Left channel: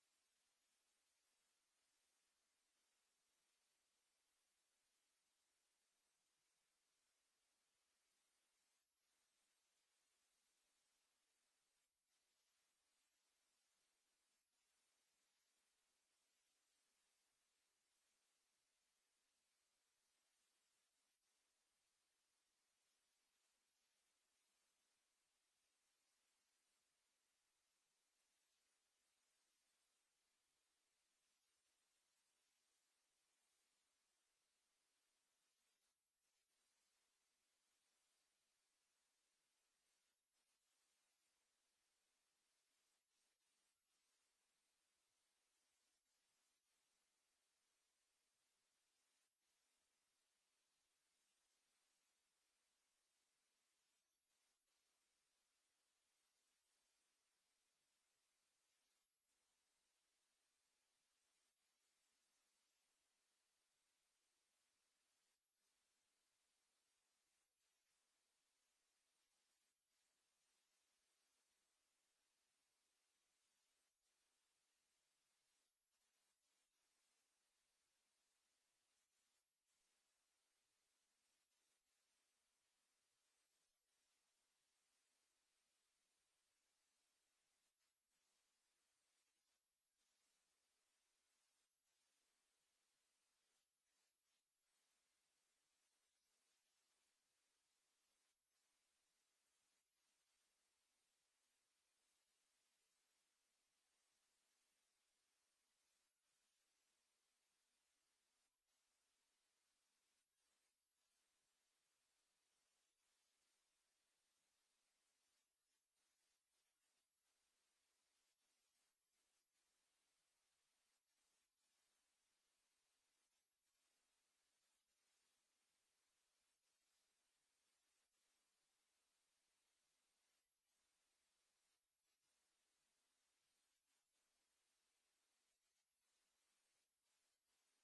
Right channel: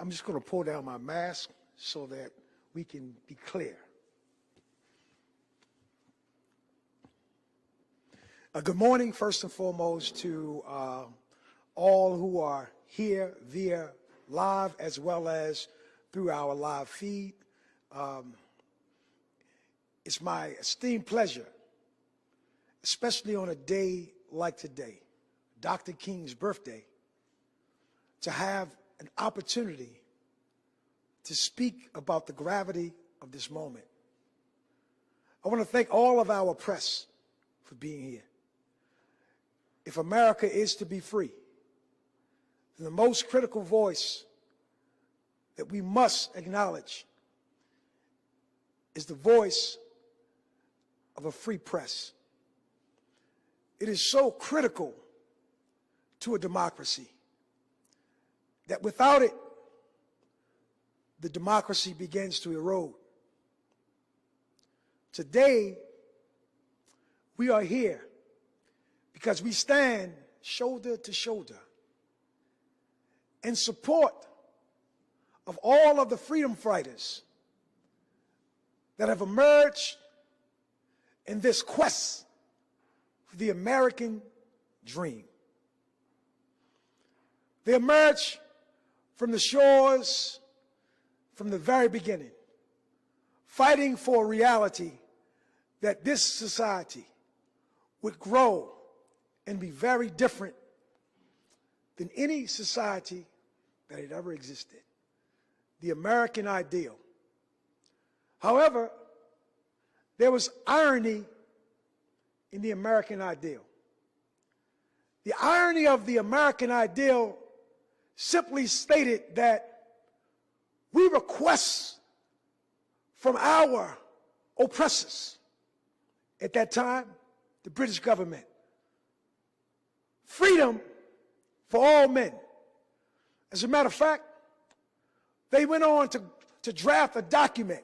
I'm just going to pull down my mask so that we can be clear. Good morning, first and foremost, to all who are here via live as well as through our live feed. It's my esteemed pleasure, especially on a day like today, Dr. King's birthday, to have an opportunity to speak about the gravity of this moment. I want to thank all of our press for being here. If America is to be free, then the most critical voice that we must acknowledge is the voice of a free press. It is so critical to a democracy that without it, the democracy begins to erode. Today, we are here because we stand shoulder to shoulder in support of all of the freedom fighters that have emerged in this quest for the American dream. They emerged from the shores from the very beginning, fighting for a reality that this society would grow and be very different than any society that had ever existed, the American ideal. However, there was irony in the American ideal. The irony of the American ideal simply stated that we request from our oppressors at that time, the British government, freedom for all men. As a matter of fact, they went on to draft a document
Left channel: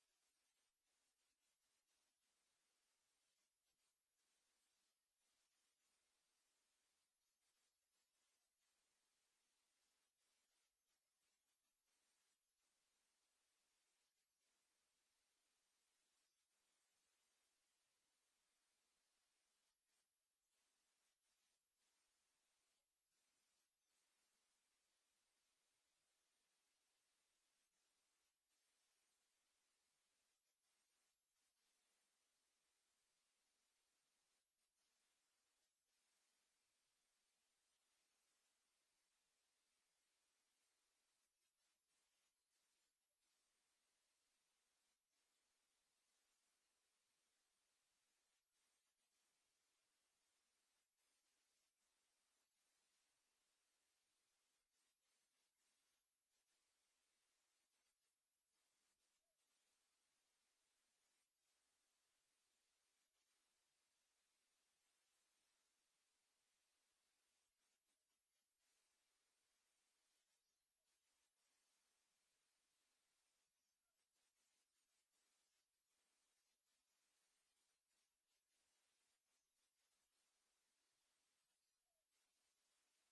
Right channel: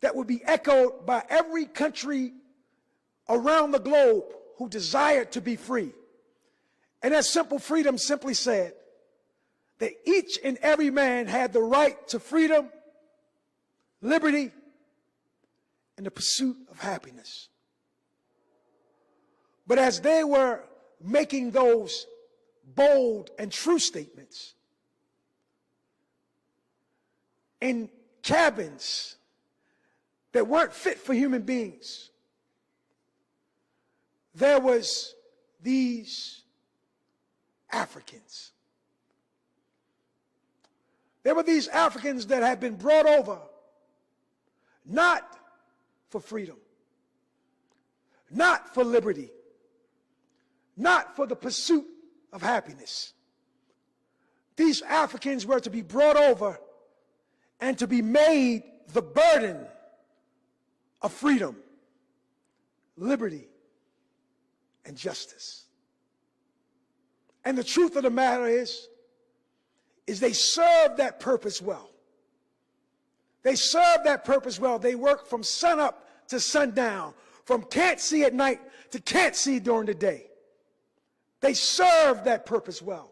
that would be echoed by every country around the globe who desired to be free. And that simple freedom simply said that each and every man had the right to freedom, liberty, and the pursuit of happiness. But as they were making those bold and true statements, in cabins that weren't fit for human beings, there was these Africans. There were these Africans that had been brought over not for freedom, not for liberty, not for the pursuit of happiness. These Africans were to be brought over and to be made the burden of freedom, liberty, and justice. And the truth of the matter is they served that purpose well. They served that purpose well. They worked from sunup to sundown, from can't see at night to can't see during the day. They served that purpose well.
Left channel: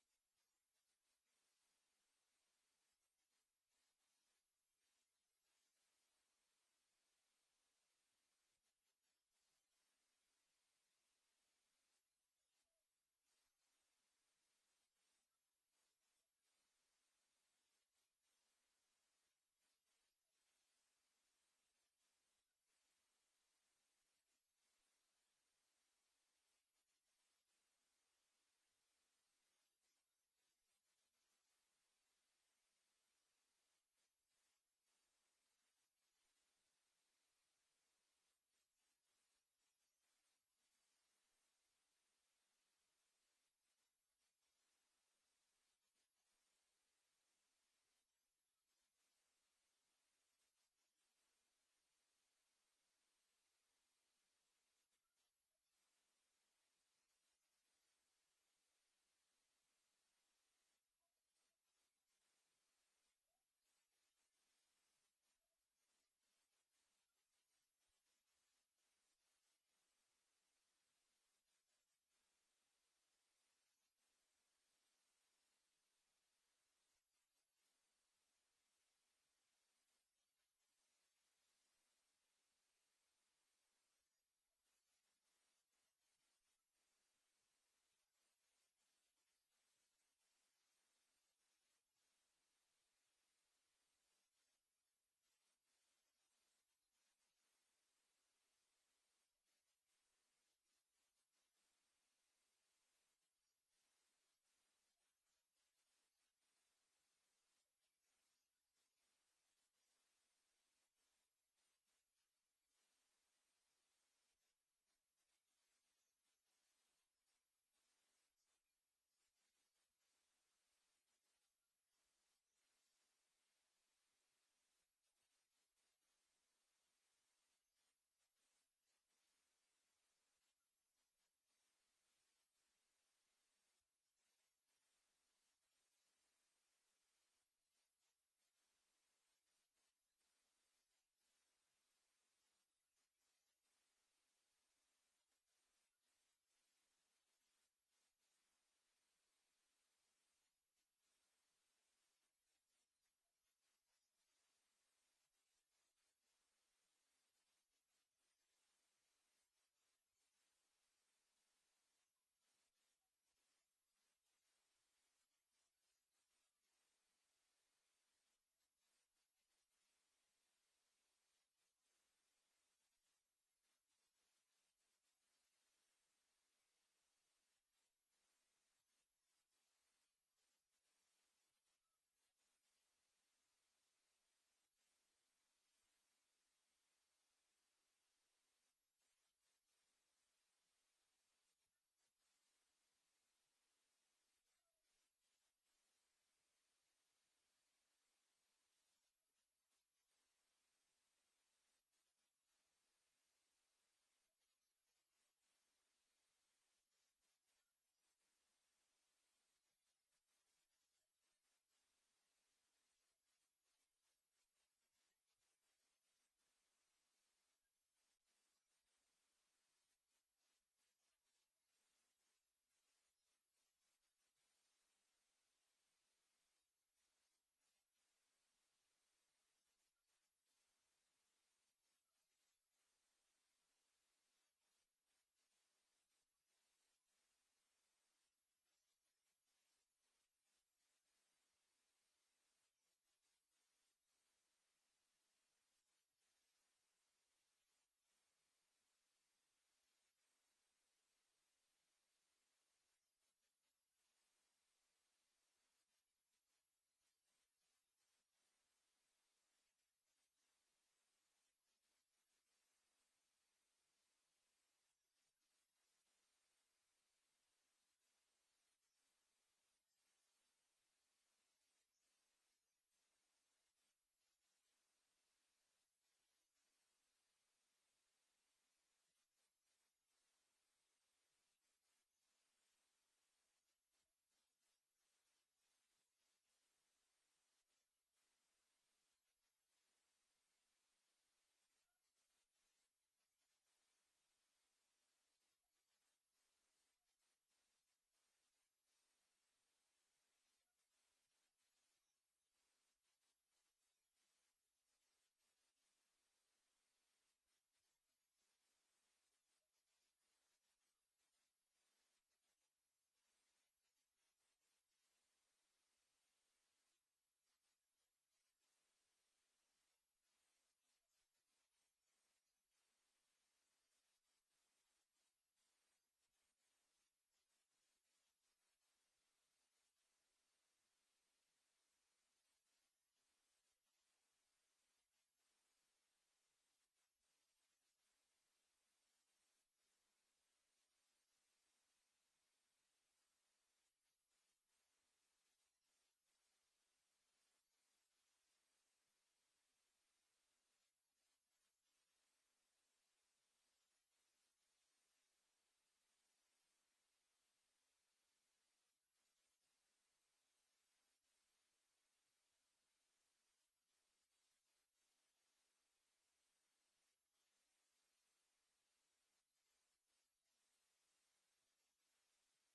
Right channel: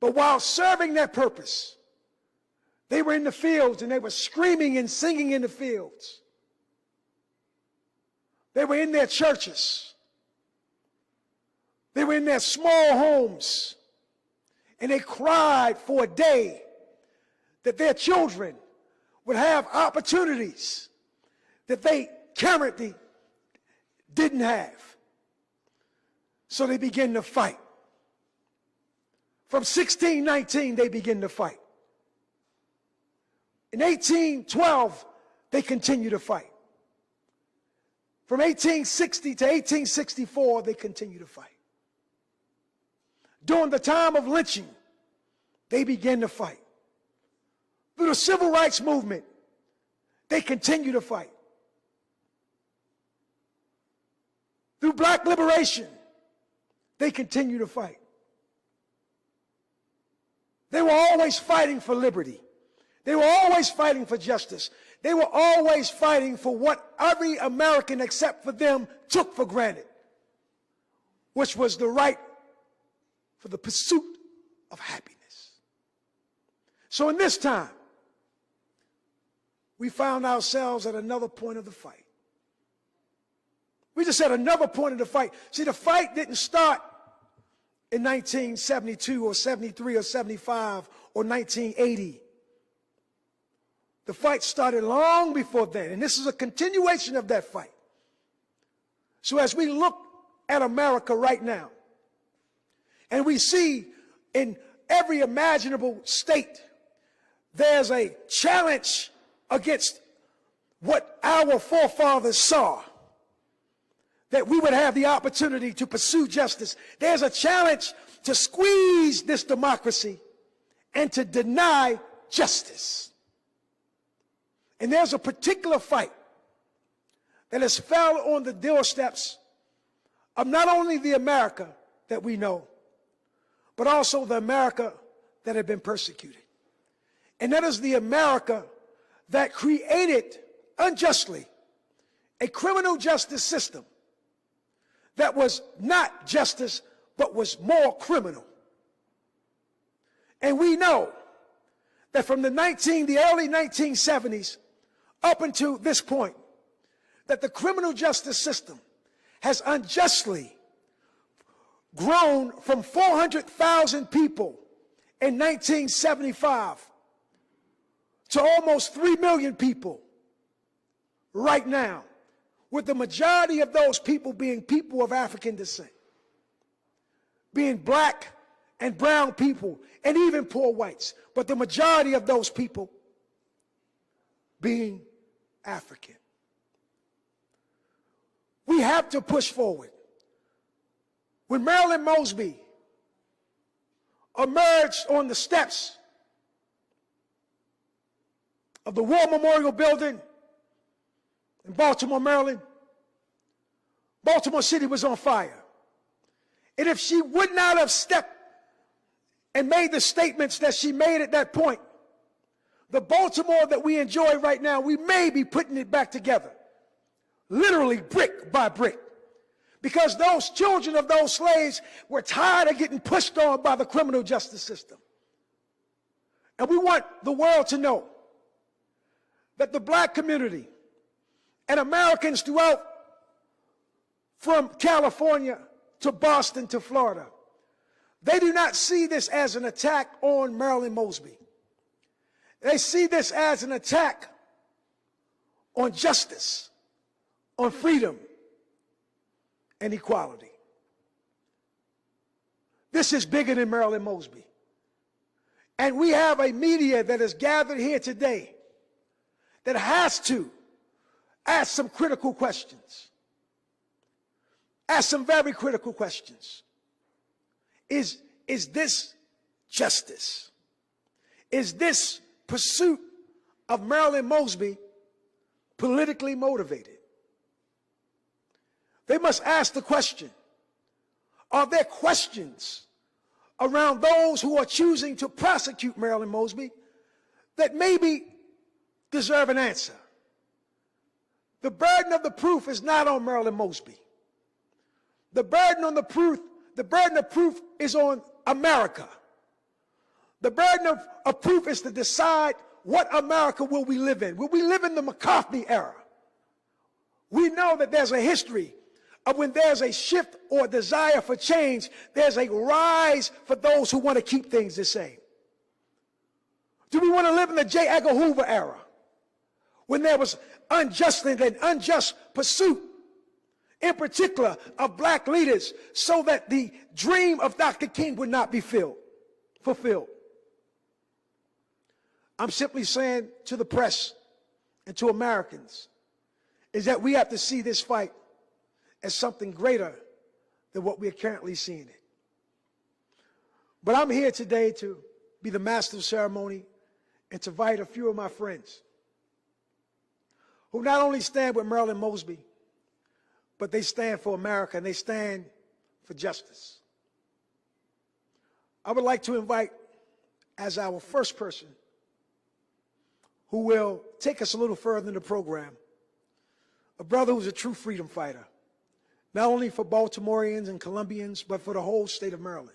But while serving that purpose, they were in the fields and they were screaming and singing in the fields. They were in their churches. They were in their small homes. And they cried for a day that their children would have opportunities that they currently didn't have. So they began to fight. From 1619, they began to fight. In 1812, they continued to fight. From 1860 to 1864, they continued to fight. During the time of lynching, they began to fight. Through the civil rights movement, they continue to fight. Through black liberation, they continue to fight. They were always fighting for liberty. They were always fighting for justice. They were always fighting for what every American except for them took for granted, which was the right for the pursuit of happiness. So in this time, we found ourselves at another point of the fight. We just at another point of the fight. See, the fight didn't start in 1972 or 73 or 75 or 1980. The fight started long before then, and this is a continuation of that fight. So as we look at America right now, and we see in every imaginable state, there's a challenge against what our forefathers saw, that we would have the opportunity to pursue justice. There's a challenge to squeeze this democracy and to deny justice. And there's a particular fight that has fell on the doorsteps of not only the America that we know, but also the America that had been persecuted. And that is the America that created unjustly a criminal justice system that was not justice, but was more criminal. And we know that from the early 1970s up until this point, that the criminal justice system has unjustly grown from 400,000 people in 1975 to almost 3 million people right now, with the majority of those people being people of African descent, being black and brown people, and even poor whites, but the majority of those people being African. We have to push forward. When Marilyn Mosby emerged on the steps of the War Memorial Building in Baltimore, Maryland, Baltimore City was on fire. And if she would not have stepped and made the statements that she made at that point, the Baltimore that we enjoy right now, we may be putting it back together, literally brick by brick. Because those children of those slaves were tired of getting pushed on by the criminal justice system. And we want the world to know that the black community and Americans throughout, from California to Boston to Florida, they do not see this as an attack on Marilyn Mosby. They see this as an attack on justice, on freedom, and equality. This is bigger than Marilyn Mosby. And we have a media that is gathered here today that has to ask some critical questions. Ask some very critical questions. Is this justice? Is this pursuit of Marilyn Mosby politically motivated? They must ask the question, are there questions around those who are choosing to prosecute Marilyn Mosby that maybe deserve an answer? The burden of the proof is not on Marilyn Mosby. The burden of proof is on America. The burden of proof is to decide what America will we live in. Will we live in the McCarthy era? We know that there's a history of when there's a shift or desire for change, there's a rise for those who want to keep things the same. Do we want to live in the J. Edgar Hoover era, when there was unjust pursuit, in particular of black leaders, so that the dream of Dr. King would not be fulfilled? I'm simply saying to the press and to Americans is that we have to see this fight as something greater than what we are currently seeing it. But I'm here today to be the master of ceremony and to invite a few of my friends who not only stand with Marilyn Mosby, but they stand for America and they stand for justice. I would like to invite, as our first person who will take us a little further in the program, a brother who's a true freedom fighter, not only for Baltimoreans and Colombians, but for the whole state of Maryland.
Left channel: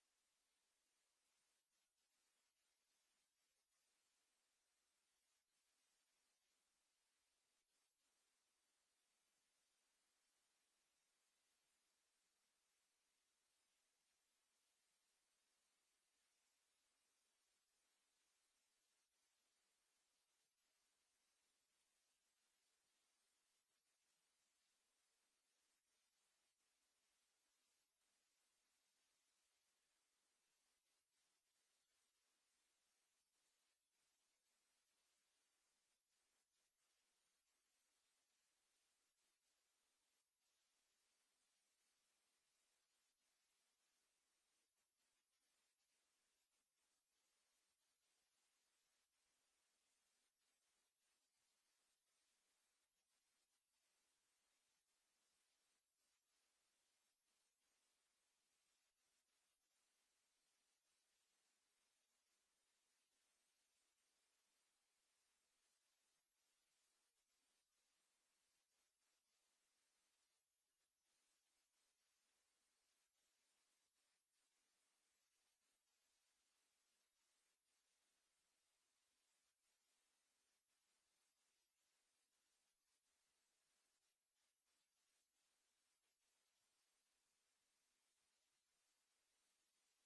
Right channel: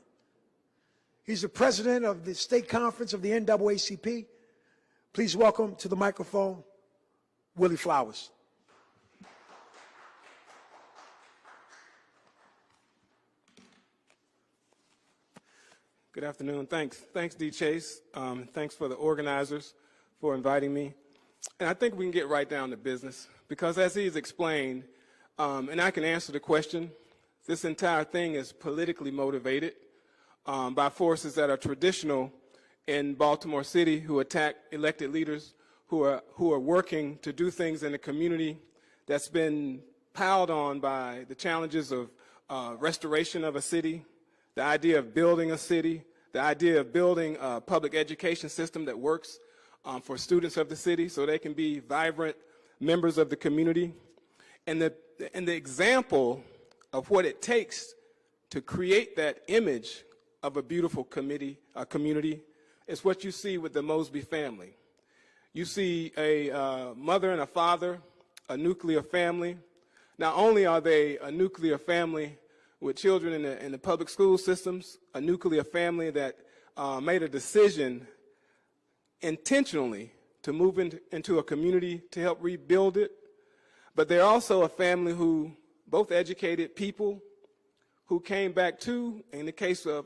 He's the president of the state conference of the NAACP. Please welcome to the microphone, Willie Flowers. Good afternoon. Thanks, D. Chase. Thanks for the organizers for inviting me. And I think we can get right down to business because as he's explained, and I can answer the question, this entire thing is politically motivated by forces that are traditional in Baltimore City who attack elected leaders who are working to do things in the community that's been piled on by the challenges of restoration of a city, the idea of building a city, the idea of building a public education system that works for students of the city so they can be vibrant members of the community. And the example of what it takes to create that image of a beautiful community is what you see with the Mosby family. You see a mother and a father, a nuclear family. Not only are they a nuclear family with children in the public school systems, a nuclear family that made a decision intentionally to move into a community to help rebuild it, but they're also a family who, both educated people who came back to, in the case of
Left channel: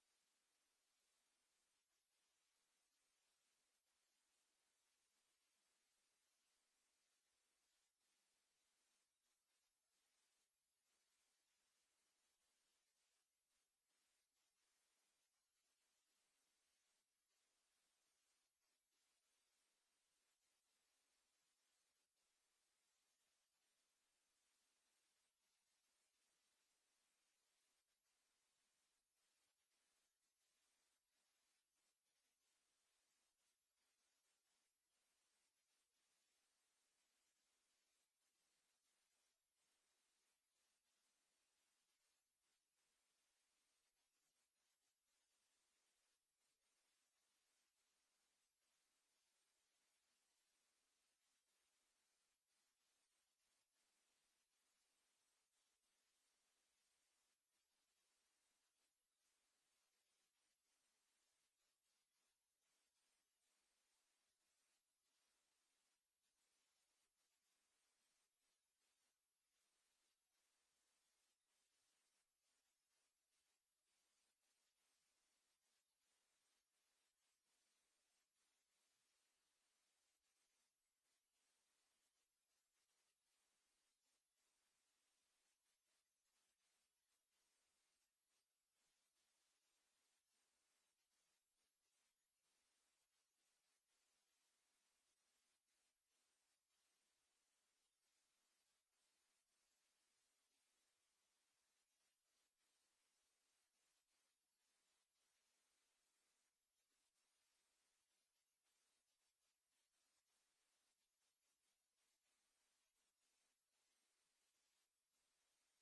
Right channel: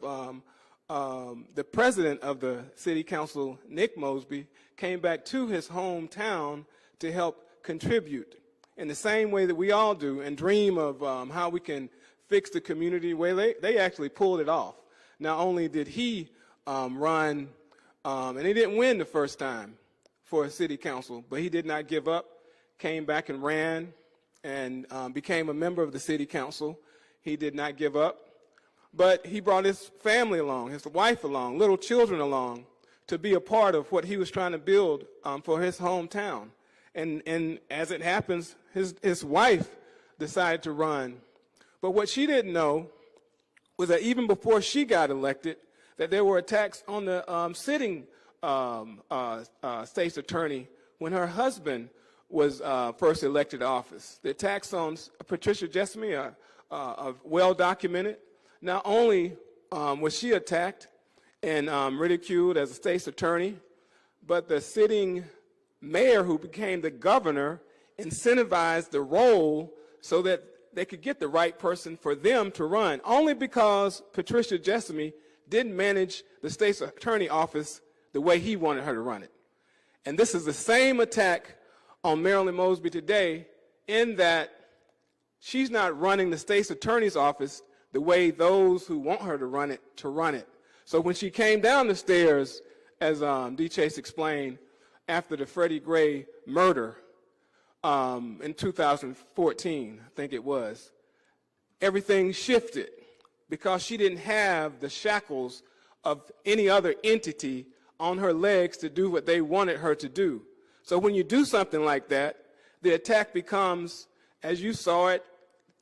the president of the city council, Nick Mosby, came back to his hometown to help contribute in the same way that we all do and dream of how we can fix the community where they actually pulled it off. Not only did he run, and he didn't win the first time for a city council, but he did not give up, came back and ran and became a member of the city council. He did not give up, but he brought his family along, his wife along, little children along to be a part of what he was trying to build for his hometown. And as it happens, his wife decided to run. But what she didn't know was that even before she got elected, that there were attacks on the sitting state's attorney when her husband was first elected to office. The attacks on Patricia Jessamy are well documented. Not only was she attacked and ridiculed as a state's attorney, but the sitting mayor who became the governor incentivized the role so that they could get the right person for them to run, only because Patricia Jessamy didn't manage the state's attorney office the way he wanted her to run it. And this is the same attack on Marilyn Mosby today, in that she's not running the state's attorney's office the way those who want her to run it. So when she came down the stairs, as D. Chase explained, after the Freddie Gray murder in 2014, I think it was, everything shifted because she didn't have the shackles of any other entity on her legs to do what they wanted her to do. So when you do something like that, the attack becomes, as you saw it,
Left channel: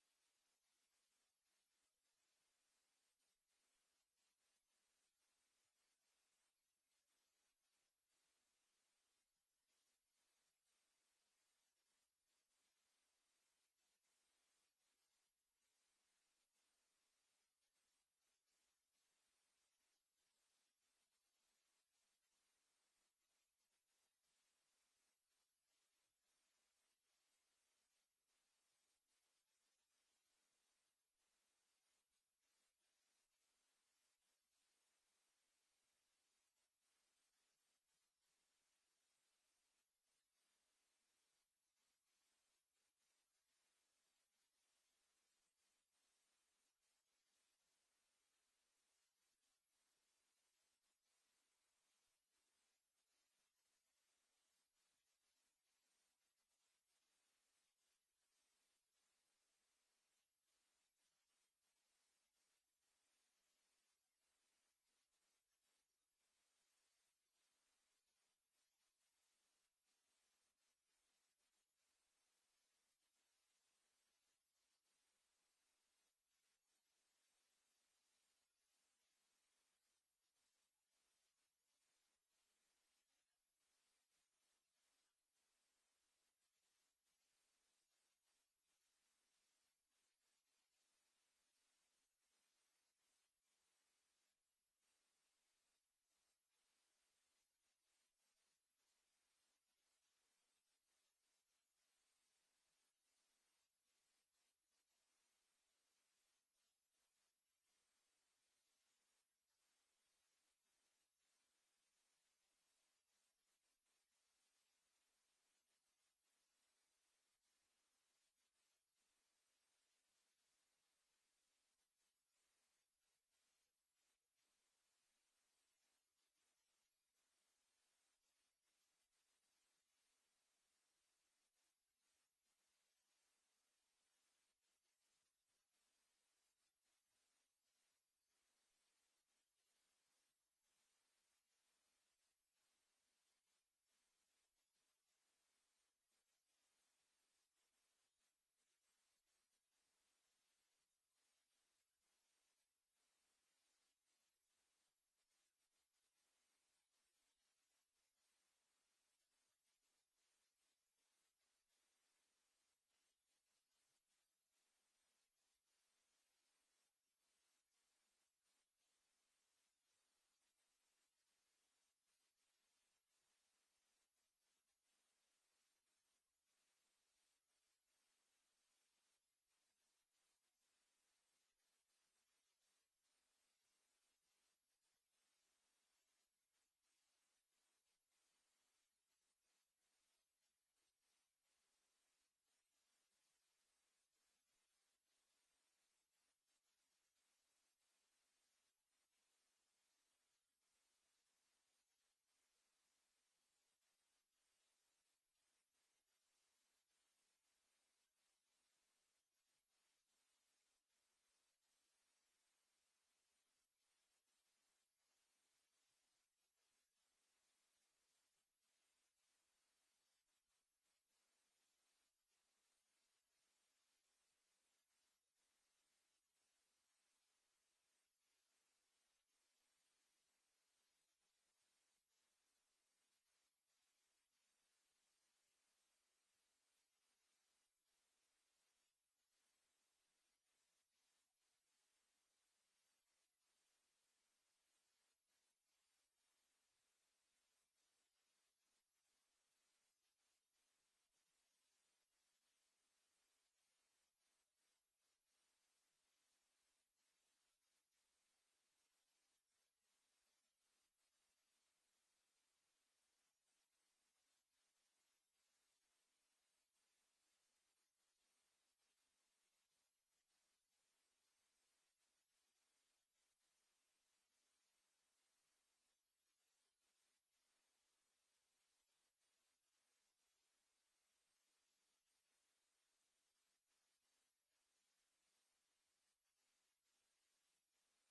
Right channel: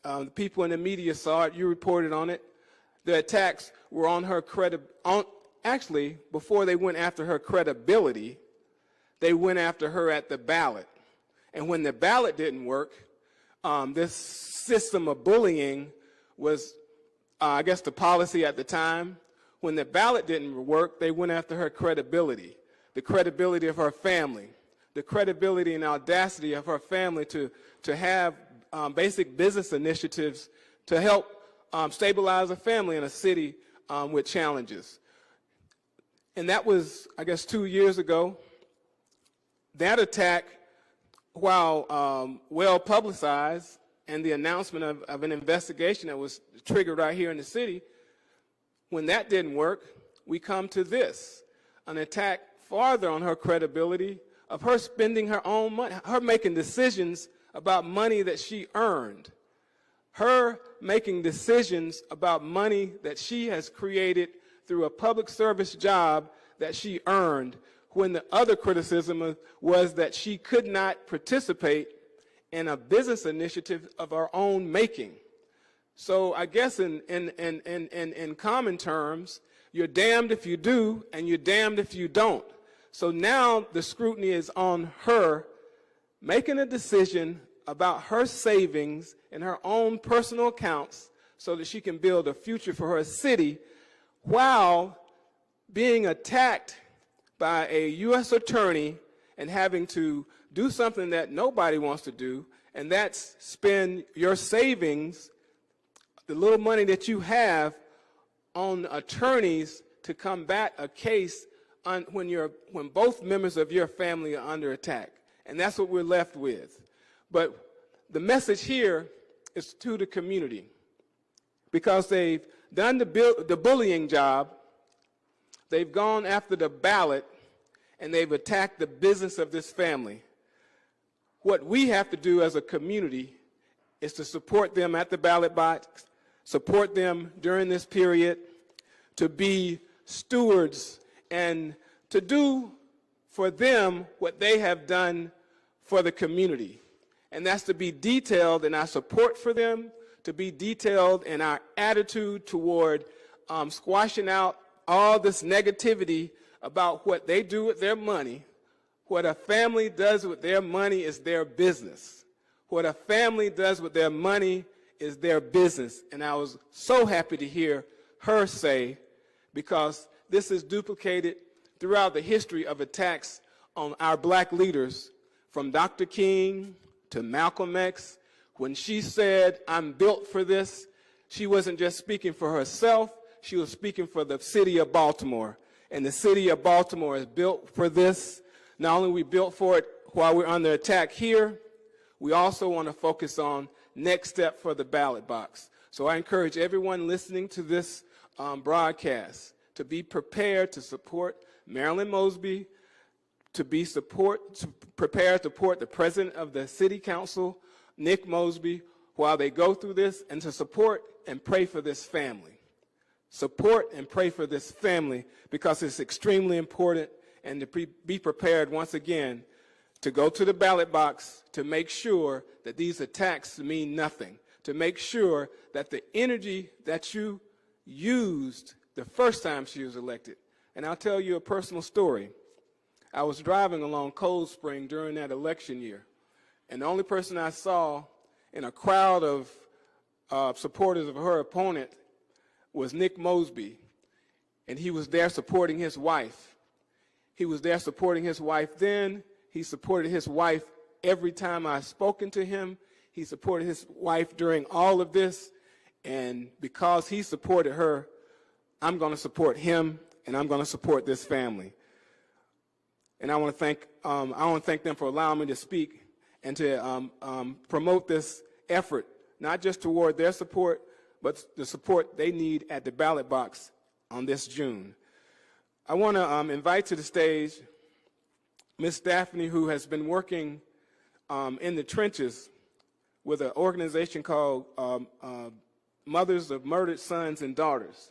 the people in the media saw it, you reported on it, the attacks were on her actually, before they went after her credibility, they went after her at the ballot. And when the ballot didn't work, this system of bullying was, I guess, the policy at the time. When the ballot didn't work, they went after her credibility, the credibility of her family, the credibility and audacity of her family to have basic business initiatives to help stabilize a family in a city with challenges. And that was, I guess, 2 years ago. That attack, while well publicized, and the announcement of an investigation that was triggered right here in the city, when that didn't work, we come to this, an attack farther on her credibility of her spending her own money, her making decisions about money that she earned, her making decisions about money that she has created through a public service job that she earned, when the other criticism was that she could not participate in a business initiative of her own making. So I guess in common terms, you're damned if you do and you're damned if you don't. So now the scrutiny is on her making a decision about her savings in her own personal accounts so that she can build a future for her city, while being attacked by a U.S. attorney and having to do something that nobody wants to do, and that's spend your savings, the little money that you have, on attorneys to combat a case when both members of your family are under attack. And that's what we're left with. But the message here is to the community, because they've done the bullying job, they've gone after the ballot, and they've attacked the business of this family. What we have to do as a community is to support them at the ballot box, support them during this period, to be stewards and to do for them what they have done for the community. And that's to be detailed in our support for them, to be detailed in our attitude toward squashing out all this negativity about what they do with their money. What a family does with their money is their business. What a family does with their money is their business. And I was so happy to hear her say, because this is duplicated throughout the history of attacks on our black leaders, from Dr. King to Malcolm X. When she said, "I'm built for this," she wasn't just speaking for herself, she was speaking for the city of Baltimore. And the city of Baltimore is built for this. Not only are we built for it while we're under attack here, we also want to focus on next step for the ballot box. So I encourage everyone listening to this broadcast to be prepared to support Marilyn Mosby, to prepare to support the president of the city council, Nick Mosby, while they go through this, and to support and pray for this family. Support and pray for this family, because it's extremely important, and to be prepared once again to go to the ballot box to make sure that these attacks mean nothing, to make sure that the energy that you used the first time she was elected. And I'll tell you a personal story. I was driving along Cold Spring during that election year, and the only person I saw in a crowd of supporters of her opponent was Nick Mosby, and he was there supporting his wife. He was there supporting his wife then. He supported his wife every time I've spoken to him. He supported his wife during all of this, and because he supported her, I'm going to support him, and I'm going to support this family. And I want to thank them for allowing me to speak and to promote this effort, not just toward their support, but the support they need at the ballot box on this June. I want to invite to the stage Ms. Daphne, who has been working in the trenches with an organization called Mothers of Murdered Sons and Daughters.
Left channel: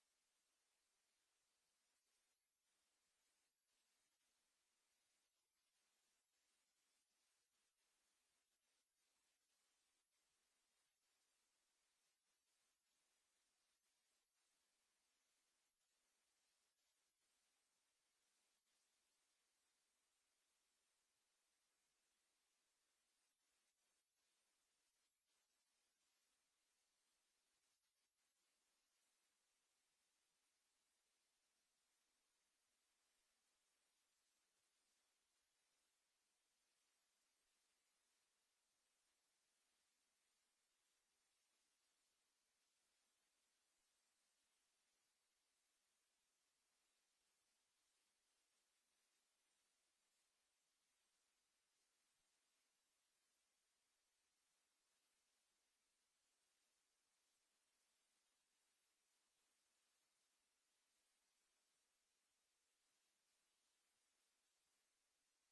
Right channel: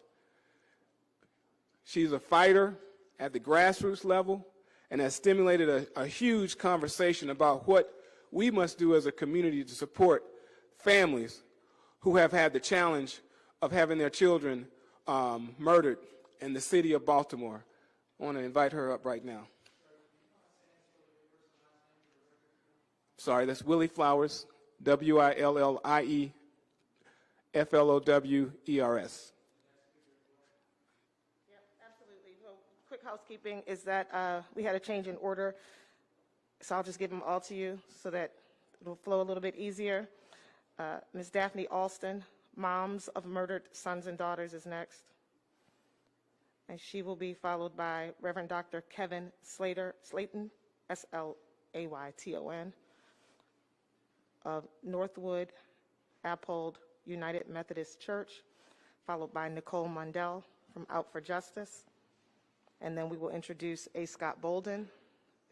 She's a fighter at the grassroots level and has stimulated a huge conversation about what we must do as a community to support families who have had the challenge of having their children murdered in the city of Baltimore. I want to invite her up right now. Sorry, that's Willie Flowers, WILLIE FLOWERS. Quick housekeeping is that we had a change in order, so I'll just give them all to you so that it'll flow a little bit easier. Ms. Daphne Alston, Moms of Murdered Sons and Daughters, is next. And she will be followed by Reverend Dr. Kevin Slayton, SLAYTON, of Northwood Appold United Methodist Church, followed by Nicole Mundell from Out for Justice. And then we will introduce A. Scott Bolden,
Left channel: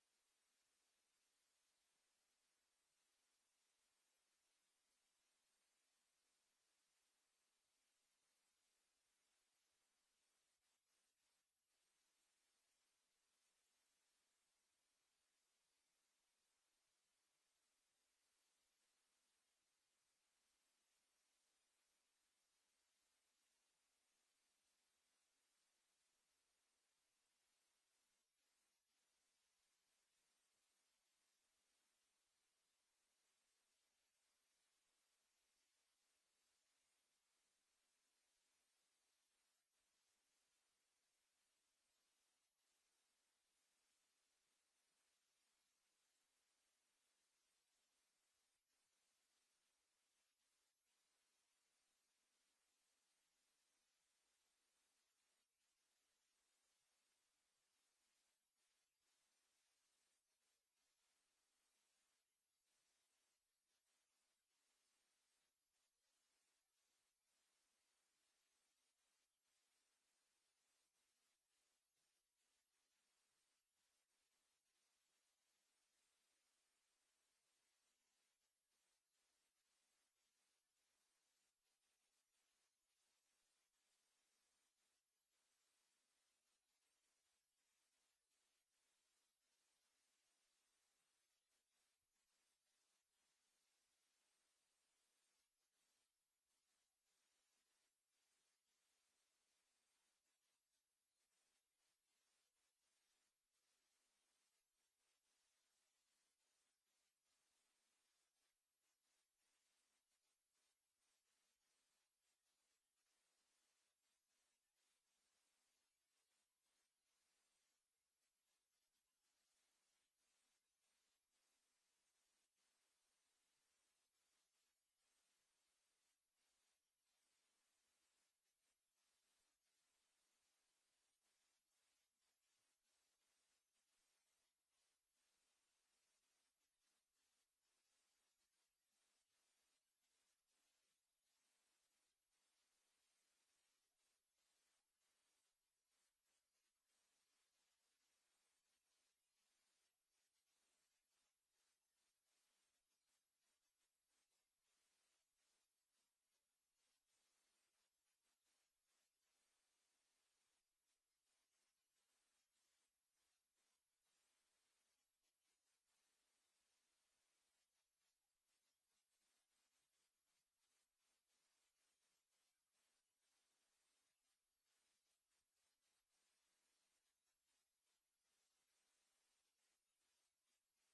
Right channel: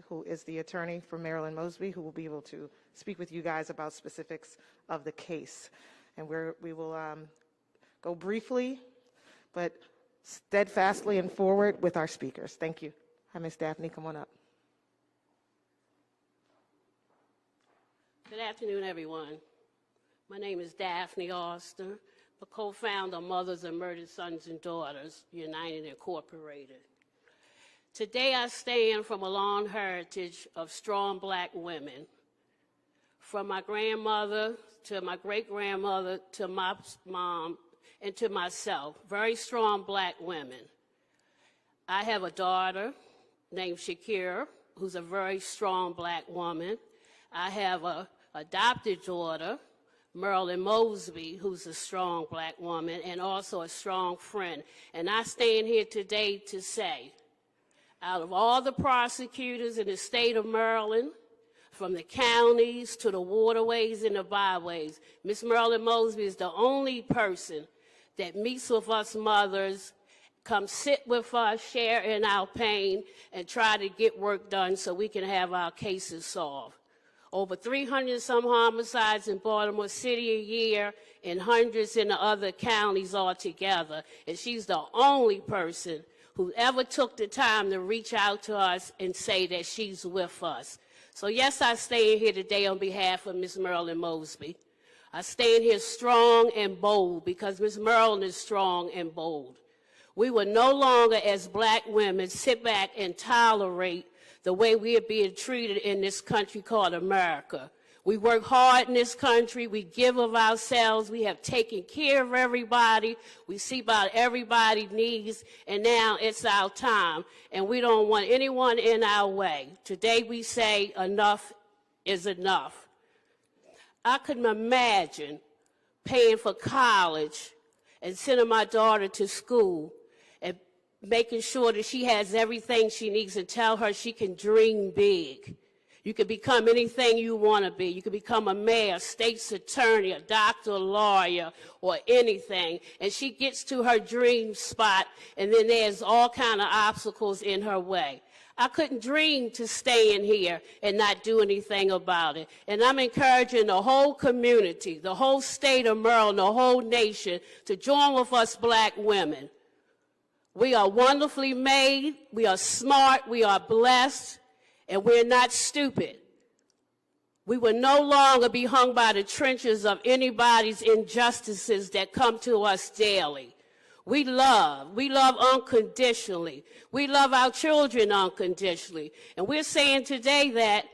who is the attorney for Marilyn Mosby, who will be able to speak with you guys about specifics of the case. And we will go briefly, but steadfastly and forward with our speakers. Thank you. Hi, Ms. Daphne, come on up. Good afternoon, everyone. My name is Daphne Austin, the co-founder of Mothers of Murdered Sons and Daughters United Incorporated. Today I stand from a long heritage of strong black women, from my grandmother to my great-grandmother to my mom and to myself, very strong black women. I have a daughter named Shakira, who's a very strong black woman. I have a adopted daughter, Marilyn Mosby, who's a strong black woman and also a strong friend. And I stand here today to say, out of all the prosecutors in the state of Maryland, from the counties to the waterways and the byways, Miss Marilyn Mosby is the only person that meets with us mothers, come sit with us, share in our pain, and try to get work done so we can have our cases solved. Over 300 some homicides in Baltimore City a year and hundreds in the other counties altogether. And she's the only person who ever took the time to reach out to us and say that she's with us. So yes, I stand here today on behalf of Ms. Marilyn Mosby. I stand here strong and bold because Ms. Marilyn is strong and bold. We will no longer, as black women, sit back and tolerate the way we are being treated in this country called America. We work hard in this country. We give of ourselves. We have taken care of everybody. We see about everybody's needs, and now it's our time, and we don't want anyone in our way. Today we say enough is enough. I couldn't imagine paying for college and sending my daughter to school and making sure that she has everything she needs and tell her she can dream big. You can become anything you want to be. You can become a mayor, state's attorney, a doctor, a lawyer, or anything. And she gets to her dream spot, and then there's all kind of obstacles in her way. I couldn't dream to stay in here and not do anything about it. And I'm encouraging the whole community, the whole state of Maryland, the whole nation to join with us black women. We are wonderfully made, we are smart, we are blessed, and we're not stupid. We will no longer be hung by the trenches of anybody's injustices that come to us daily. We love unconditionally. We love our children unconditionally. And we're saying today that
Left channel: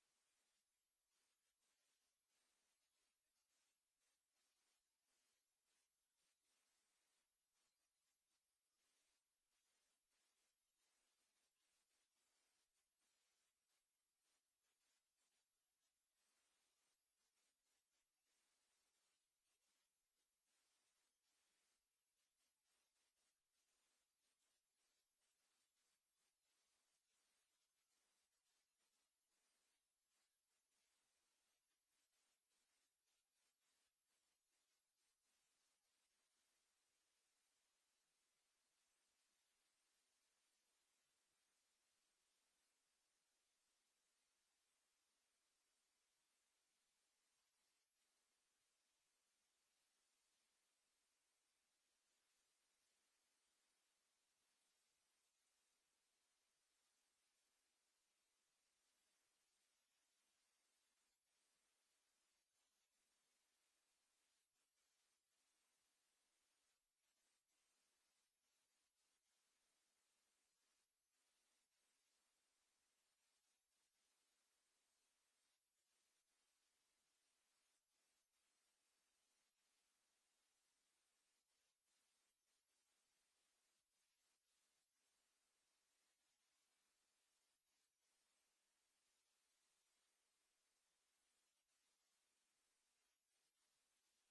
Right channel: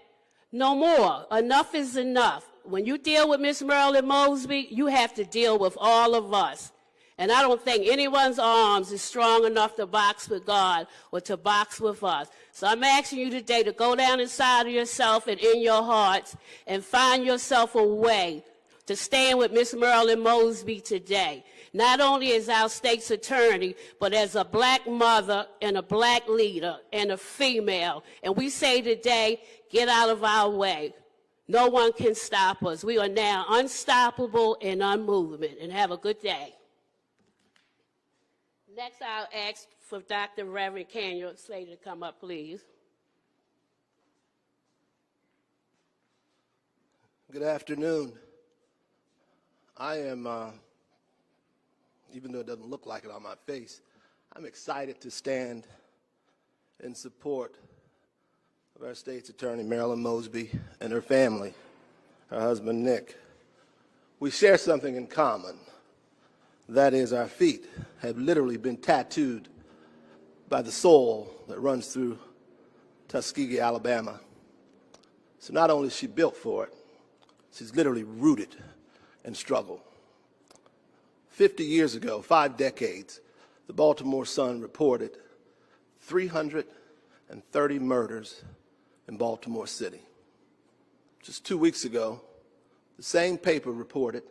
no more. Enough is enough. When you deal with Miss Marilyn Mosby, you have to deal with all of us. And I don't think anyone's arms is strong enough to box with God or to box with us. So I'm asking you today to go down inside of yourself and in your hearts and find yourself a way to stand with Miss Marilyn Mosby today. Not only as our state's attorney, but as a black mother and a black leader and a female. And we say today, get out of our way. No one can stop us. We are now unstoppable and unmoving. And have a good day. Next, I'll ask for Dr. Reverend Kenya Slater to come up, please. Good afternoon. I am, even though it doesn't look like it on my face, I'm excited to stand in support of our state's attorney, Marilyn Mosby, and her family, her husband, Nick. We share something in common. That is, our feet have literally been tattooed by the soil that runs through Tuskegee, Alabama. So not only is she built for it, she's literally rooted in struggle. 50 years ago, 5 decades, the Baltimore Sun reported 330 murders in Baltimore City. Just 2 weeks ago, the same paper reported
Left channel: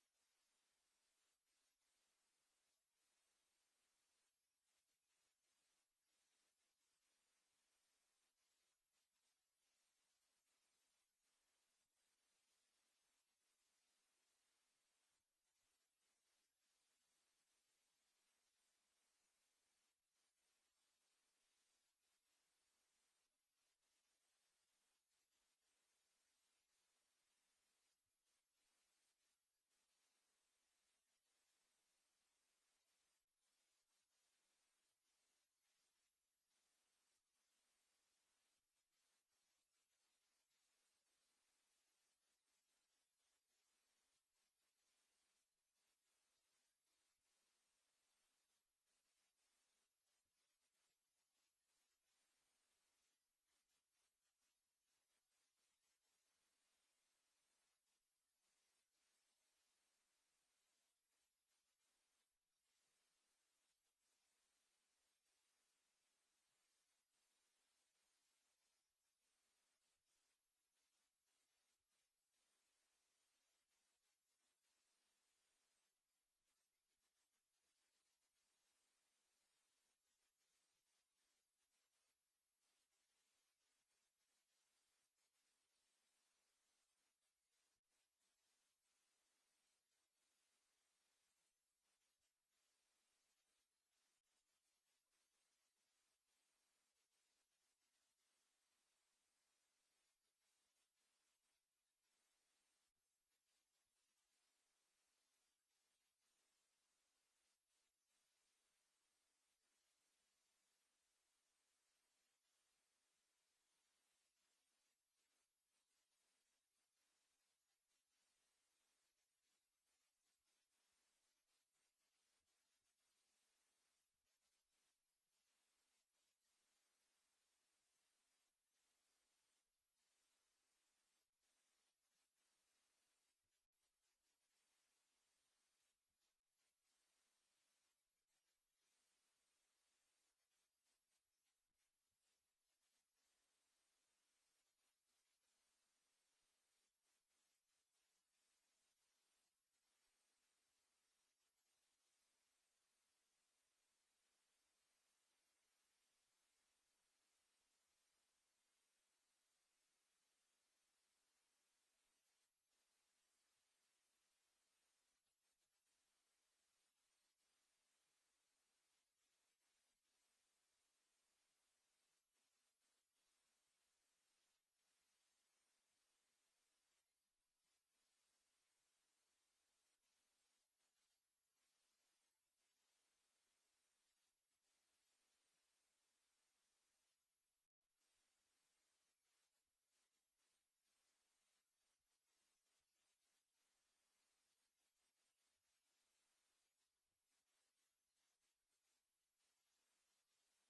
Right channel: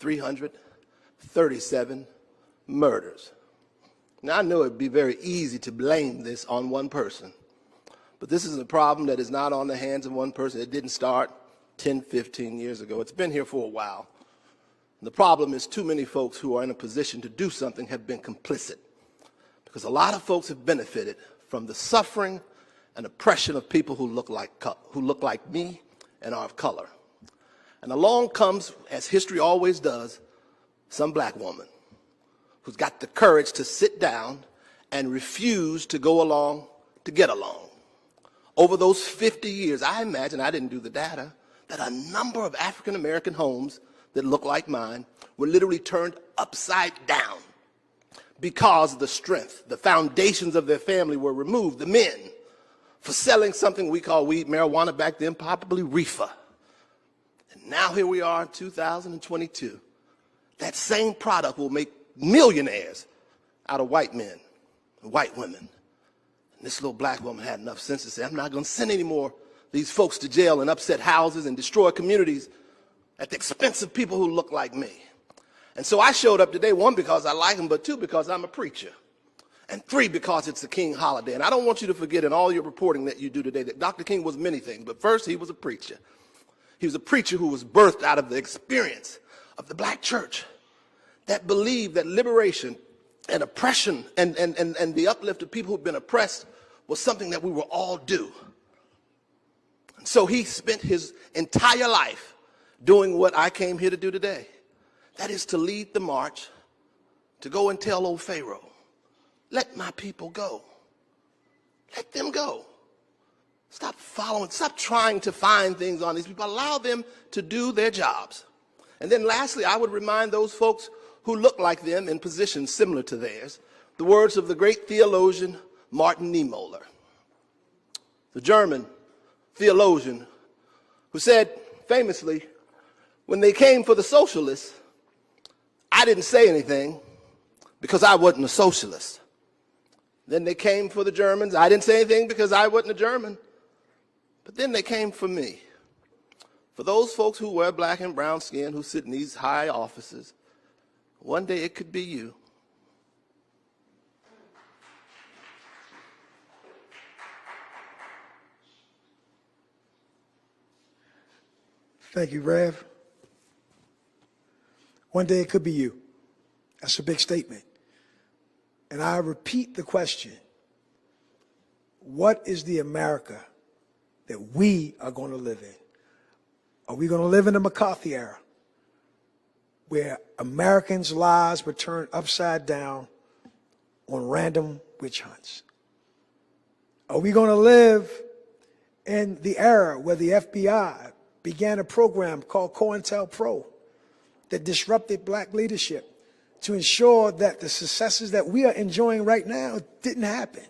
337 murders. Now, I know it'd be very easy to blame this on one person, but this is a problem that is not on the hands of one person. It didn't start 10, 15 years ago. It's been here for a while. And the problem is too many folks who are in a position to do something have been complicit, because a lot of folks have benefited from the suffering and oppression of people who look like me and are of color. And along comes, as history always does, some black woman who's got the courage to sit down and refuse to go along to get along. Over those 50 years, I imagine, I didn't do the data, that a number of African American homes that look like mine were literally turned upside down because of the strength, the foundations of their family were removed. The men, for selling something we call weed, marijuana back then, probably reefer. And now here we are in 2022. That same product will make millionaires out of white men and white women This little black woman had enough sense to say, I'm not going to send any more these folks to jail and upset houses and destroy communities at the expense of people who look like me. And so I showed up today, one, because I like them, but two, because I'm a preacher. And three, because it's the King holiday. And I don't want you to forget in all your reporting that you do today that Dr. King was many things, but first he was a preacher. He was a preacher who was birthed out of the experience of the black church that believed that liberation and oppression and the uplift of people who've been oppressed was something that we were all due. And so he spent his entire life doing what I came here to do today. That is to lead the march, to go and tell old Pharaoh, let my people go. Let them go. Stop following, stop trying to find things on these people. Allow them to do their jobs. And then lastly, I would remind those folks who look like them in positions similar to theirs, the words of the great theologian Martin Niemöller, the German theologian who said famously, when they came for the socialists, I didn't say anything because I wasn't a socialist. Then they came for the Germans. I didn't say anything because I wasn't a German. But then they came for me. For those folks who wear black and brown skin, who sit in these high offices, one day it could be you. Thank you, Rev. One day it could be you. That's a big statement. And I repeat the question, what is the America that we are going to live in? Are we going to live in the McCarthy era, where Americans' lives were turned upside down on random witch hunts? Are we going to live in the era where the FBI began a program called COINTELPRO that disrupted black leadership to ensure that the successes that we are enjoying right now didn't happen?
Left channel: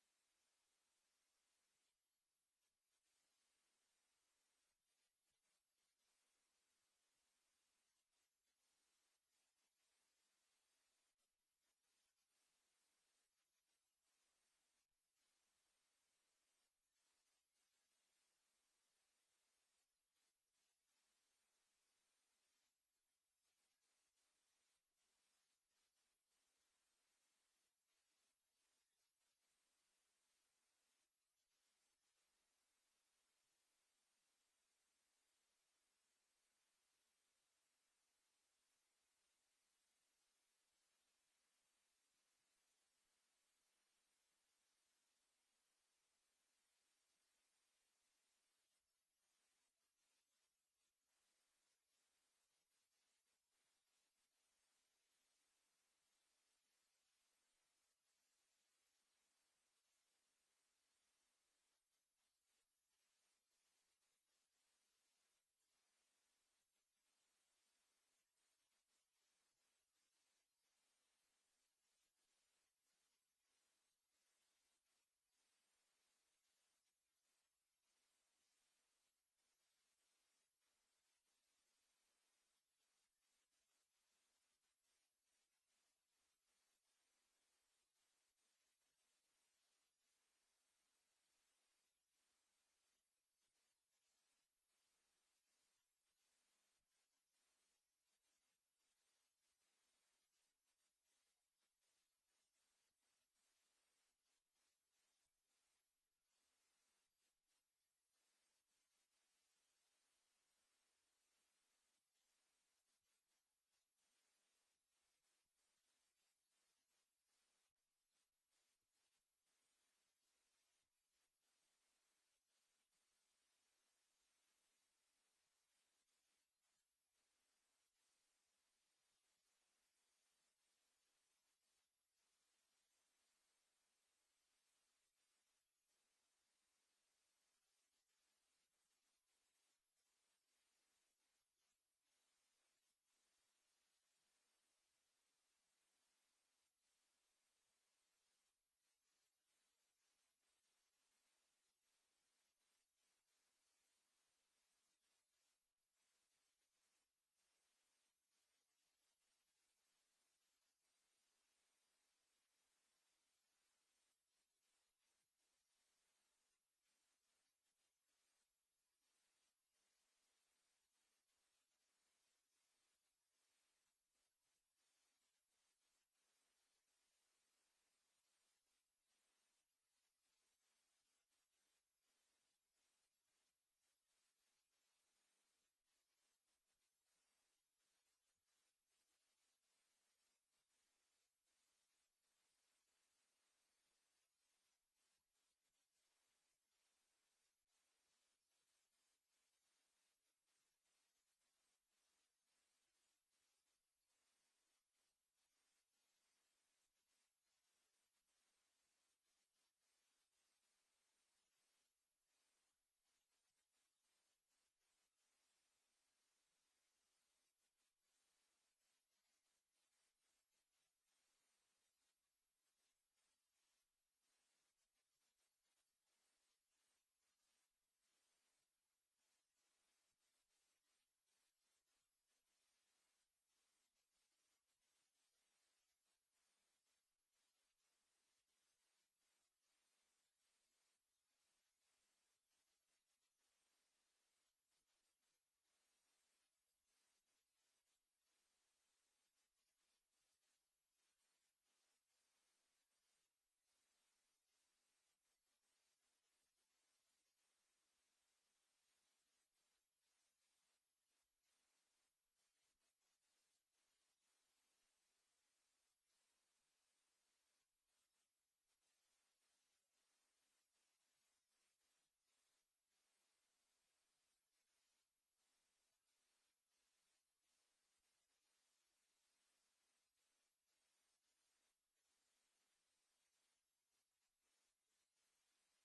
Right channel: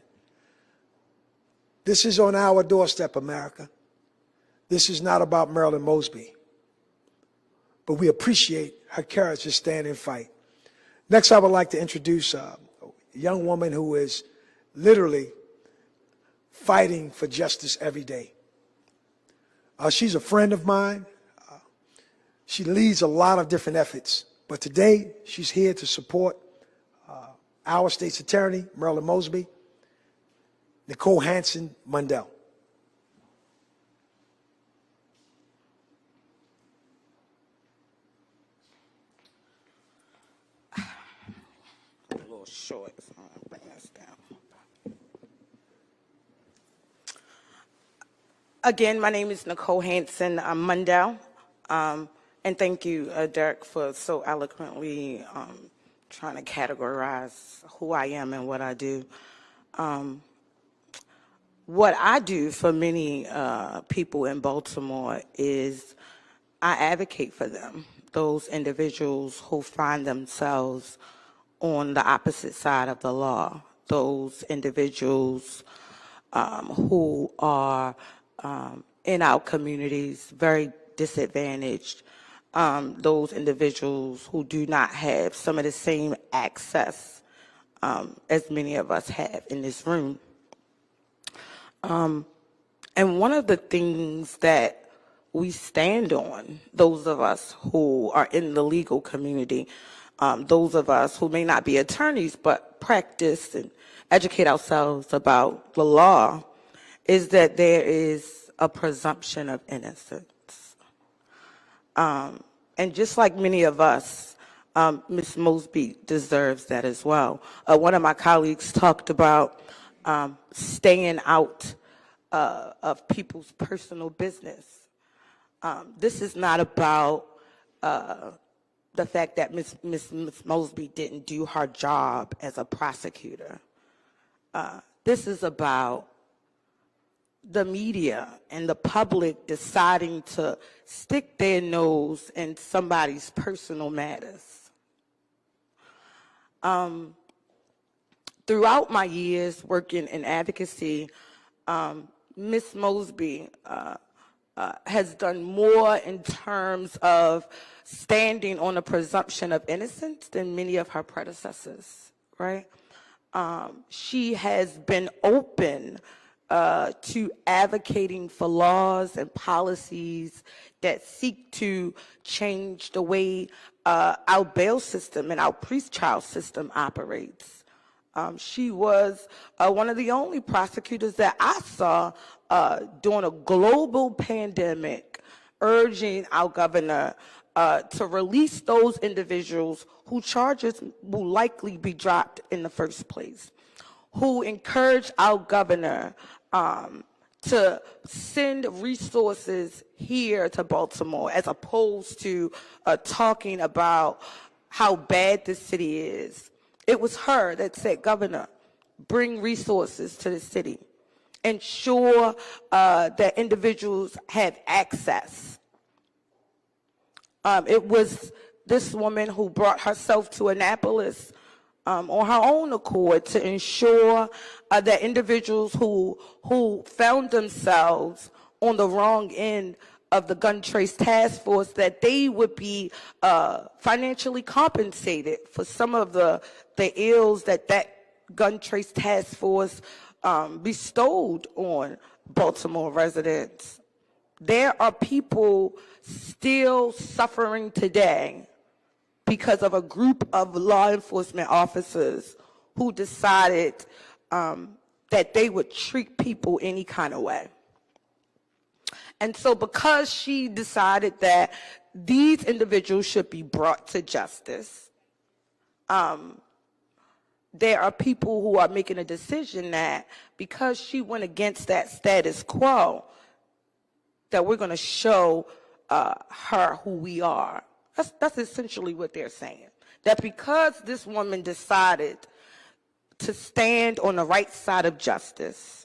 This is on our doorstep, America. This is not about Marilyn Mosby, but we appreciate her courage to stand and fight. Next, I would like to introduce a young woman who is literally fighting for justice every day. She's a friend of mine. She leads a lot of different efforts, but today she's here to support our state's attorney, Marilyn Mosby, Nicole Hansen Mundell. A little short, so I'll bring this down. Again, my name is Nicole Hansen Mundell, and thank you, Derek, for so eloquently trying to categorize who I am and what I do. What I do for many people in Baltimore is I advocate for them, those individuals who find themselves on the opposite side of the law, those individuals who are in our communities very disadvantaged, those individuals who do not have some of the same access as many of us have in this room. And one of the things that we stand on, those of us who are in the legal community, those of us who may not be attorneys but practice and educate ourselves about the law, is that there is a presumption of innocence. And just like many of us, Ms. Mosby deserves that as well. One of my colleagues talked about staying out of people's personal business. This is not about the fact that Ms. Mosby didn't do her job as a prosecutor. This is about the media and the public deciding to stick their nose in somebody's personal matters. Throughout my years working in advocacy, Ms. Mosby has done more in terms of standing on a presumption of innocence than many of her predecessors, right? She has been open to advocating for laws and policies that seek to change the way our bail system and our pretrial system operates. She was one of the only prosecutors that I saw during a global pandemic urging our governor to release those individuals whose charges will likely be dropped in the first place, who encouraged our governor to send resources here to Baltimore as opposed to talking about how bad the city is. It was her that said, Governor, bring resources to the city. Ensure that individuals have access. It was this woman who brought herself to Annapolis on her own accord to ensure that individuals who found themselves on the wrong end of the gun trace task force, that they would be financially compensated for some of the ills that gun trace task force bestowed on Baltimore residents. There are people still suffering today because of a group of law enforcement officers who decided that they would treat people any kind of way. And so because she decided that these individuals should be brought to justice, there are people who are making a decision that because she went against that status quo, that we're going to show her who we are. That's essentially what they're saying. That because this woman decided to stand on the right side of justice,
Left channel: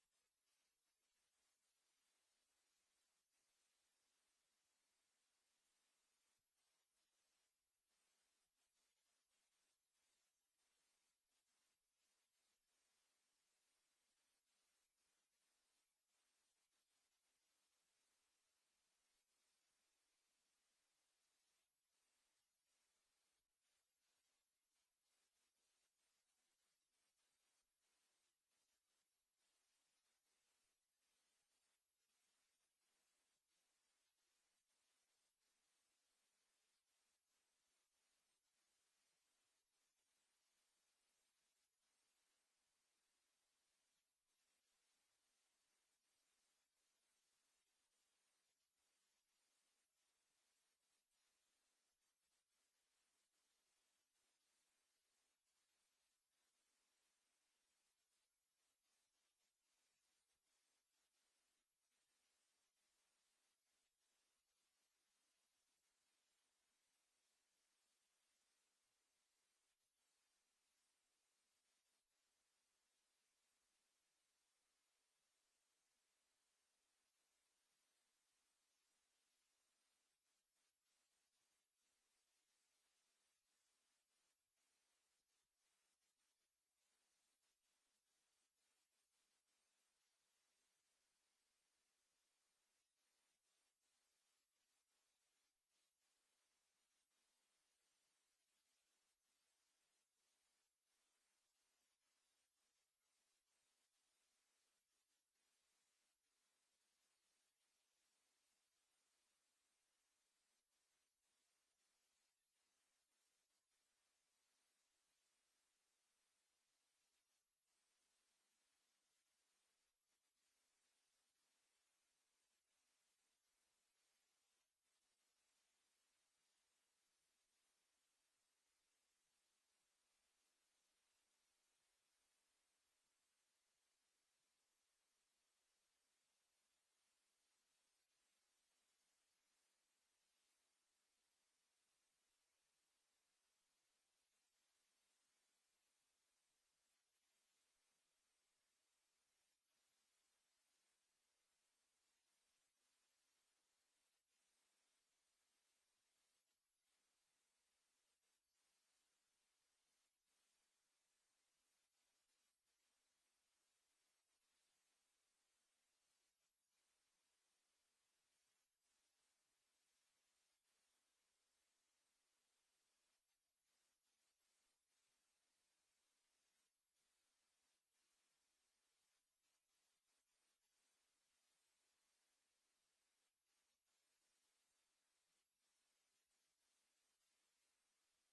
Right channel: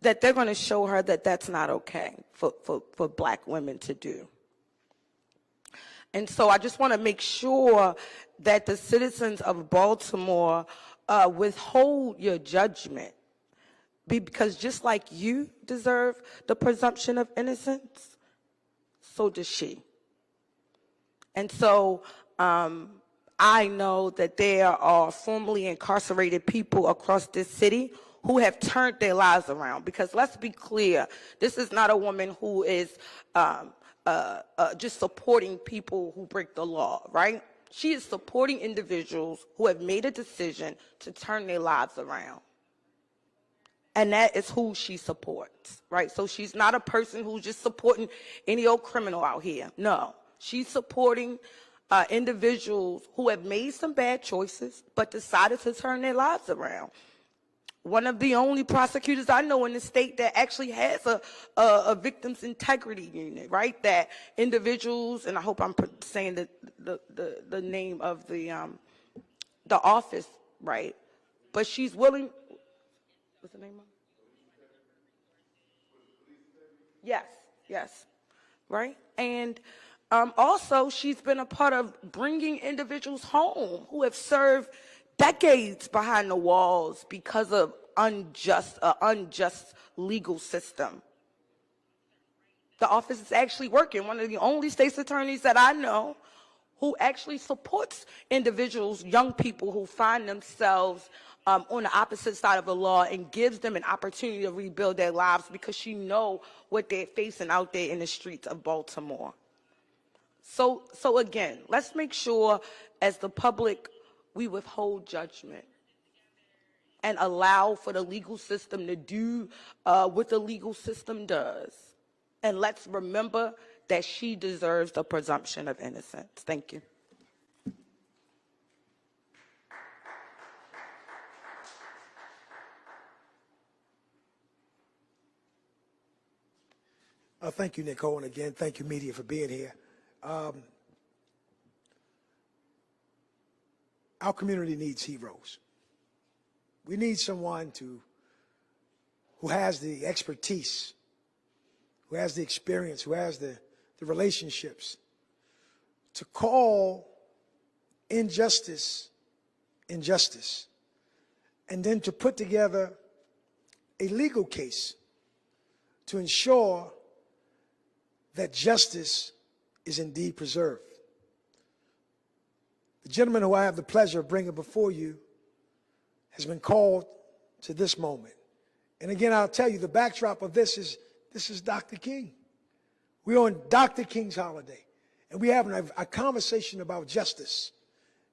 that they're going to show her that that's not okay for black women to do. And so I just want to make sure that the citizens of Baltimore withhold your judgment, because just like you deserve the presumption of innocence, so does she. And so I know that there are formerly incarcerated people across this city who have turned their lives around, because let's be clear, this is not a woman who is just supporting people who break the law, right? She is supporting individuals who have made a decision to turn their lives around. And that is who she supports, right? So she's not a person who's just supporting any old criminal out here. No, she's supporting individuals who have made some bad choices but decided to turn their lives around. One of the only prosecutors I know in the state that actually has a victim's integrity unit, right? That individuals, and I hope I'm saying the name of the office, right? But she's willing. What's the name of it? Yes, right? And also, she's been a part of bringing individuals home who have served decades behind the walls because of unjust legal system. The office is actually working. One of the only state's attorneys that I know who actually supports individuals, young people who find themselves on the opposite side of the law, and gives them an opportunity to rebuild their lives, because she knows what they're facing out there in the streets of Baltimore. So again, let's make sure as the public we withhold judgment and allow for the legal system to do what the legal system does. And let's remember that she deserves the presumption of innocence. Thank you. Thank you, Nicole, and again, thank you, media, for being here. Our community needs heroes. We need someone who has the expertise, who has the experience, who has the relationships to call injustice, injustice, and then to put together a legal case to ensure that justice is indeed preserved. The gentleman who I have the pleasure of bringing before you has been called to this moment. And again, I'll tell you, the backdrop of this is Dr. King. We're on Dr. King's holiday, and we're having a conversation about justice.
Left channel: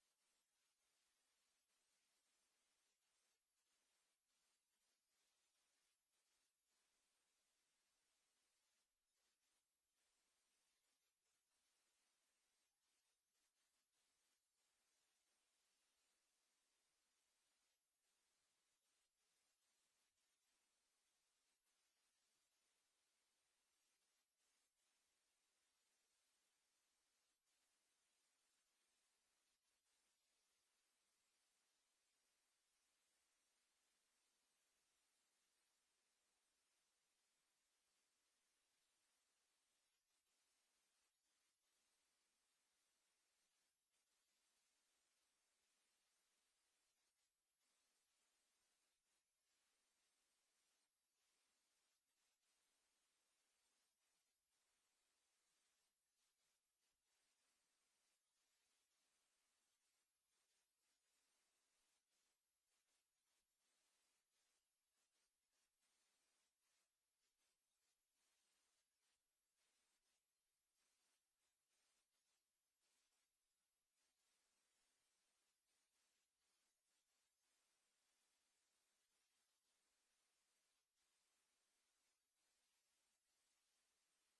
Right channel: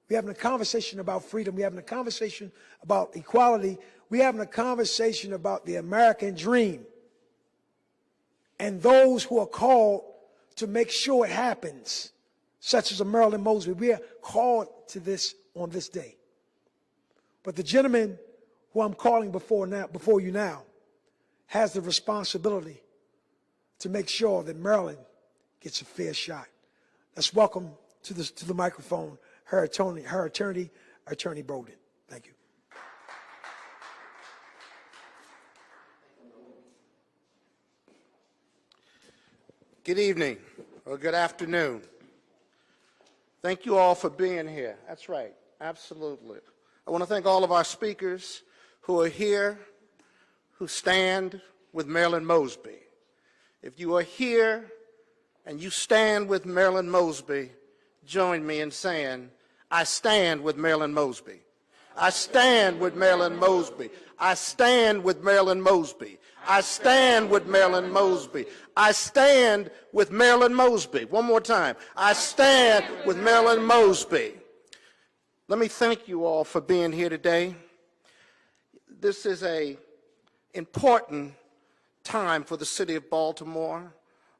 We're having a conversation about freedom. We're having a conversation about equality. We're having a conversation about the American dream and those who are called to make sure it happens, such as a Marilyn Mosby. We are called to this on this day. But the gentleman who I'm calling before you now has the responsibility to make sure that Marilyn gets a fair shot. Let's welcome to the microphone her attorney, Attorney Bolden. Thank you. Good evening or good afternoon. Thank you all for being here. That's right, absolutely. I want to thank all of our speakers who are here, who stand with Marilyn Mosby. If you are here and you stand with Marilyn Mosby, join me in saying, I stand with Marilyn Mosby. I stand with Marilyn Mosby. I stand with Marilyn Mosby. I stand with Marilyn Mosby. I stand with Marilyn Mosby. One more time. I stand with Marilyn Mosby. Let me thank you all for being here today. This is an important time for the city of Baltimore.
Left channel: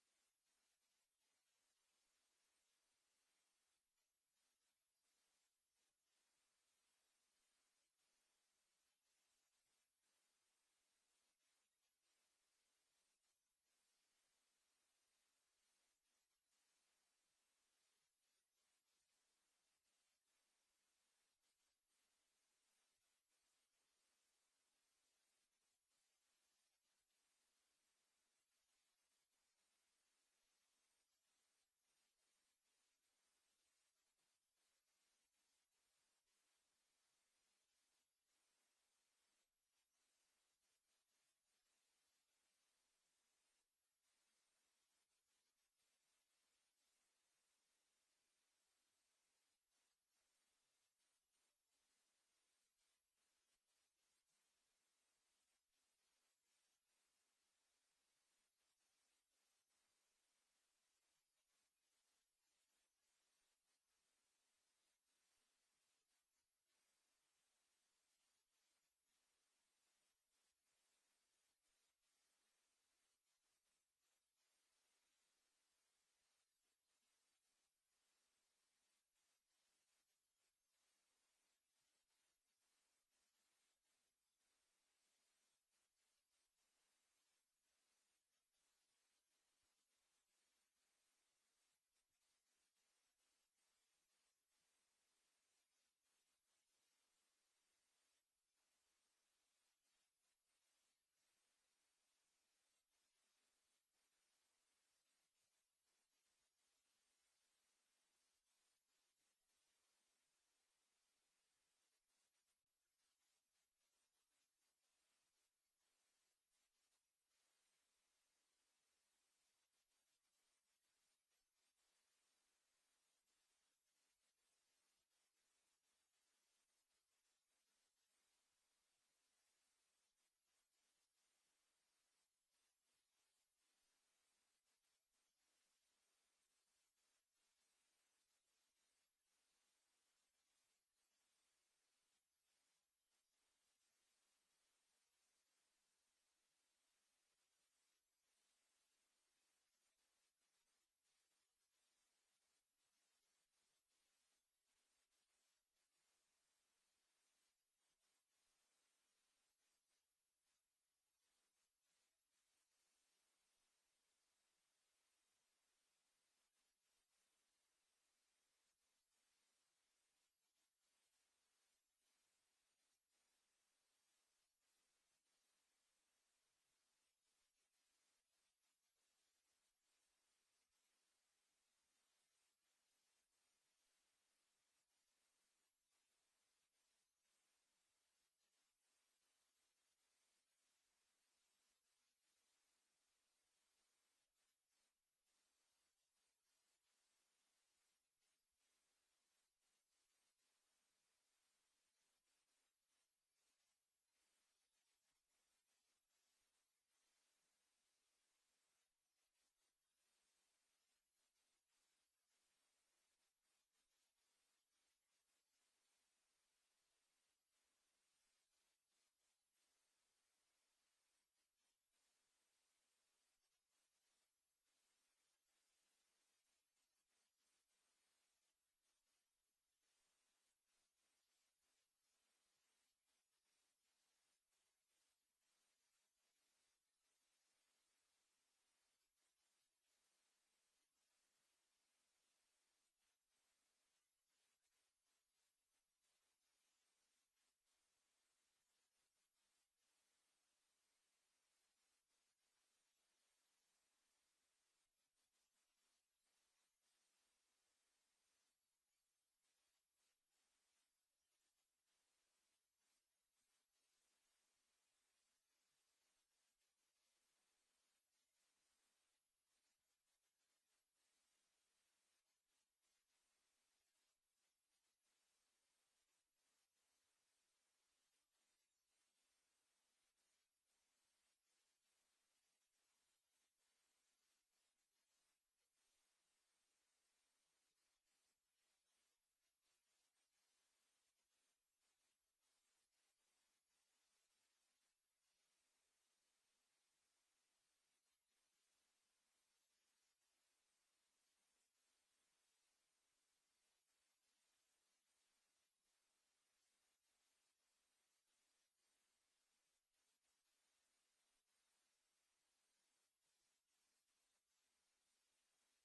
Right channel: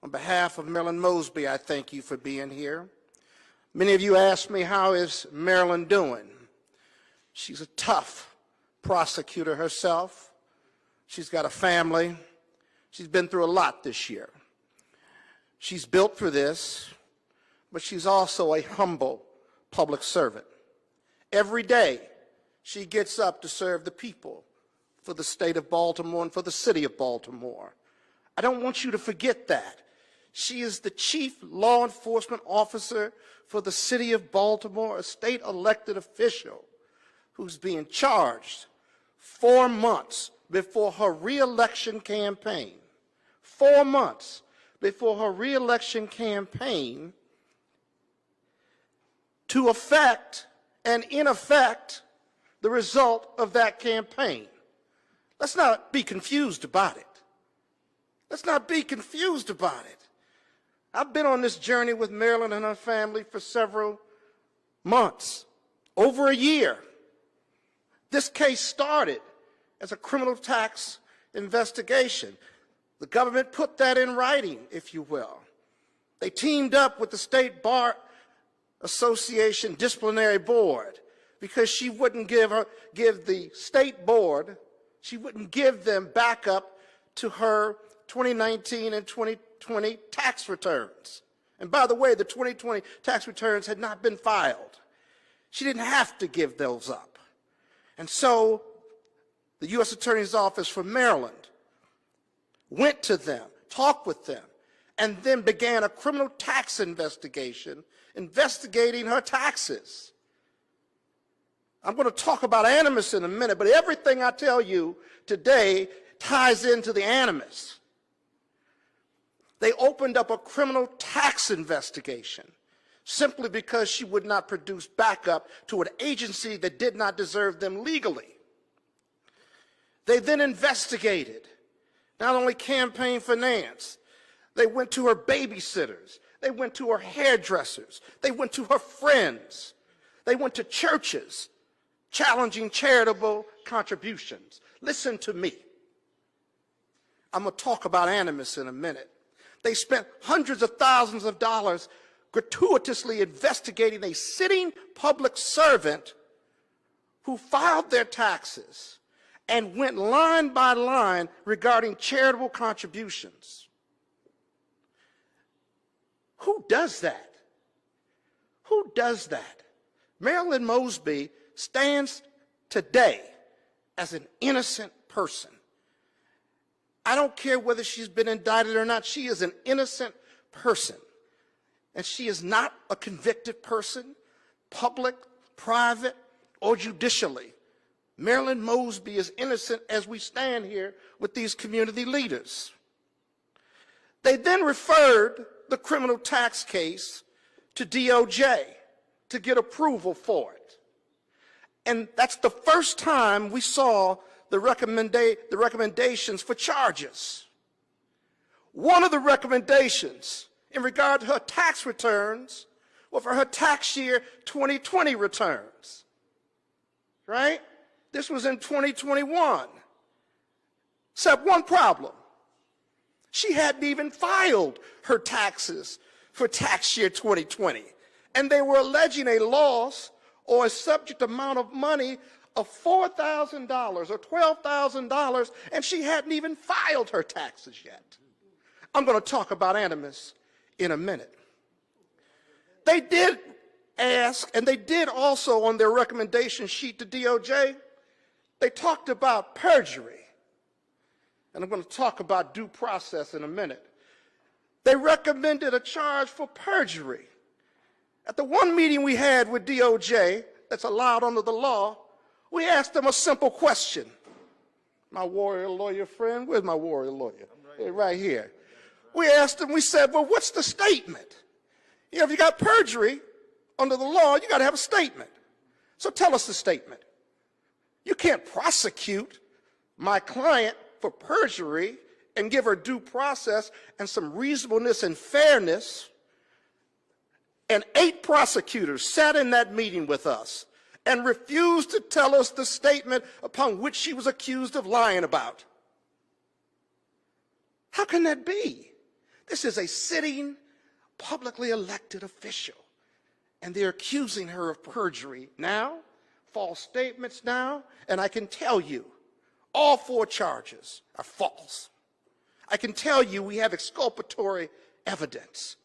On behalf of Marilyn Mosby, I thank you for being here. Many of you asked me, how is Marilyn doing? She's a tough prosecutor herself. She's got a family. She's been through a lot this year. She's built for this, but she's also a humble public servant. Every day, she gets up to serve the people for the state of Baltimore and for the city of Baltimore. I don't want you to forget that. She is the chief law enforcement officer for the city of Baltimore, a state elected official who's being charged 4 months before her re-election campaign. 4 months before her re-election campaign to affect and in effect the result of that campaign. Let's not be confused about it. Let's not be confused about it. I've been on this journey with Marilyn and her family for several months, over a year. This case started as a criminal tax investigation. The government put that in writing, if you will. They teamed up with the State Bar Association Disciplinary Board because she wouldn't give the state board, she wouldn't give them backup to her 2019 and 2020 tax returns. And by the way, the 2020 tax returns had not been filed. She didn't have to give those up. And so the U.S. Attorney's Office for Maryland went to them, talked with them, and then began a criminal tax investigation investigating her taxes. I'm going to talk about animus in a minute, but everything I tell you today ties into the animus. They opened up a criminal tax investigation simply because she would not produce backup to an agency that did not deserve them legally. They then investigated not only campaign finance, they went to her babysitters, they went to her hairdressers, they went to her friends, they went to churches challenging charitable contributions. Listen to me. I'm going to talk about animus in a minute. They spent hundreds of thousands of dollars gratuitously investigating a sitting public servant who filed their taxes and went line by line regarding charitable contributions. Who does that? Who does that? Marilyn Mosby stands today as an innocent person. I don't care whether she's been indicted or not. She is an innocent person. And she is not a convicted person, public, private, or judicially. Marilyn Mosby is innocent as we stand here with these community leaders. They then referred the criminal tax case to DOJ to get approval for it. And that's the first time we saw the recommendations for charges. One of the recommendations in regard to her tax returns were for her tax year 2020 returns, right? This was in 2021. Except one problem. She hadn't even filed her taxes for tax year 2020. And they were alleging a loss or a subject amount of money of $4,000 or $12,000, and she hadn't even filed her taxes yet. I'm going to talk about animus in a minute. They did ask, and they did also on their recommendation sheet to DOJ, they talked about perjury. And I'm going to talk about due process in a minute. They recommended a charge for perjury. At the one meeting we had with DOJ, that's allowed under the law, we asked them a simple question. My warrior lawyer friend, where's my warrior lawyer? Right here. We asked them, we said, well, what's the statement? You know, if you got perjury under the law, you got to have a statement. So tell us the statement. You can't prosecute my client for perjury and give her due process and some reasonableness and fairness. And 8 prosecutors sat in that meeting with us and refused to tell us the statement upon which she was accused of lying about. How can that be? This is a sitting, publicly elected official, and they're accusing her of perjury now, false statements now, and I can tell you, all 4 charges are false. I can tell you we have exculpatory evidence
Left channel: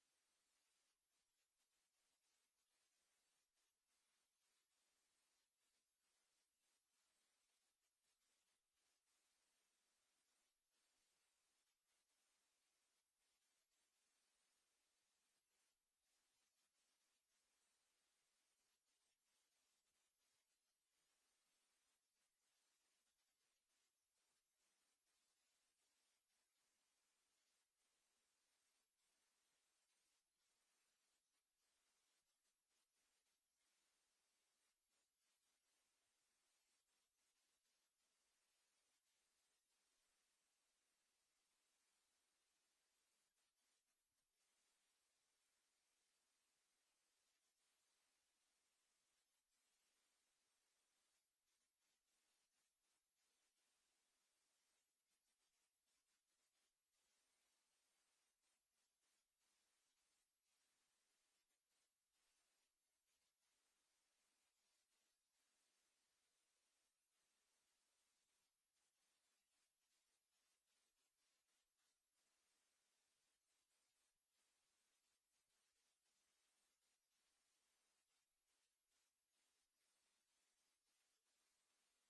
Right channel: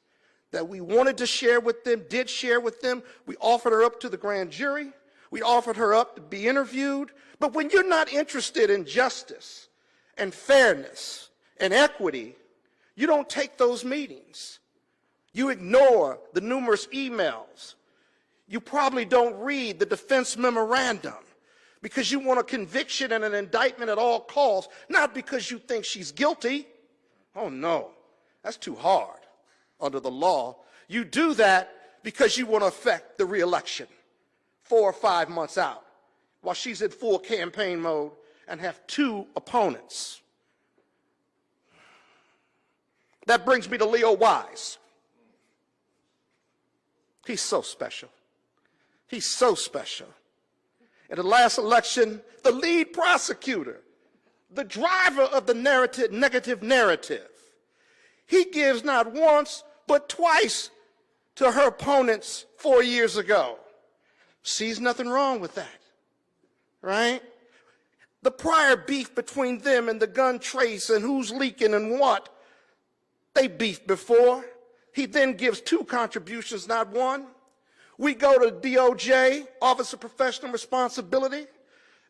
that we wanted to share with them, did share with them. We offered her up to the grand jury. We offered her up to be interviewed. But when you're not interested in justice and fairness and equity, you don't take those meetings. You ignore the numerous emails. You probably don't read the defense memorandum because you want a conviction and an indictment at all costs, not because you think she's guilty. Oh no, that's too hard under the law. You do that because you want to affect the reelection 4 or 5 months out while she's in full campaign mode and have 2 opponents. That brings me to Leo Wise. He's so special. He's so special. In the last election, the lead prosecutor, the driver of the negative narrative, he gives not once but twice to her opponents 4 years ago. Sees nothing wrong with that, right? The prior beef between them and the gun trace and who's leaking and what, they beefed before. He then gives 2 contributions, not 1. We go to DOJ, Office of Professional Responsibility,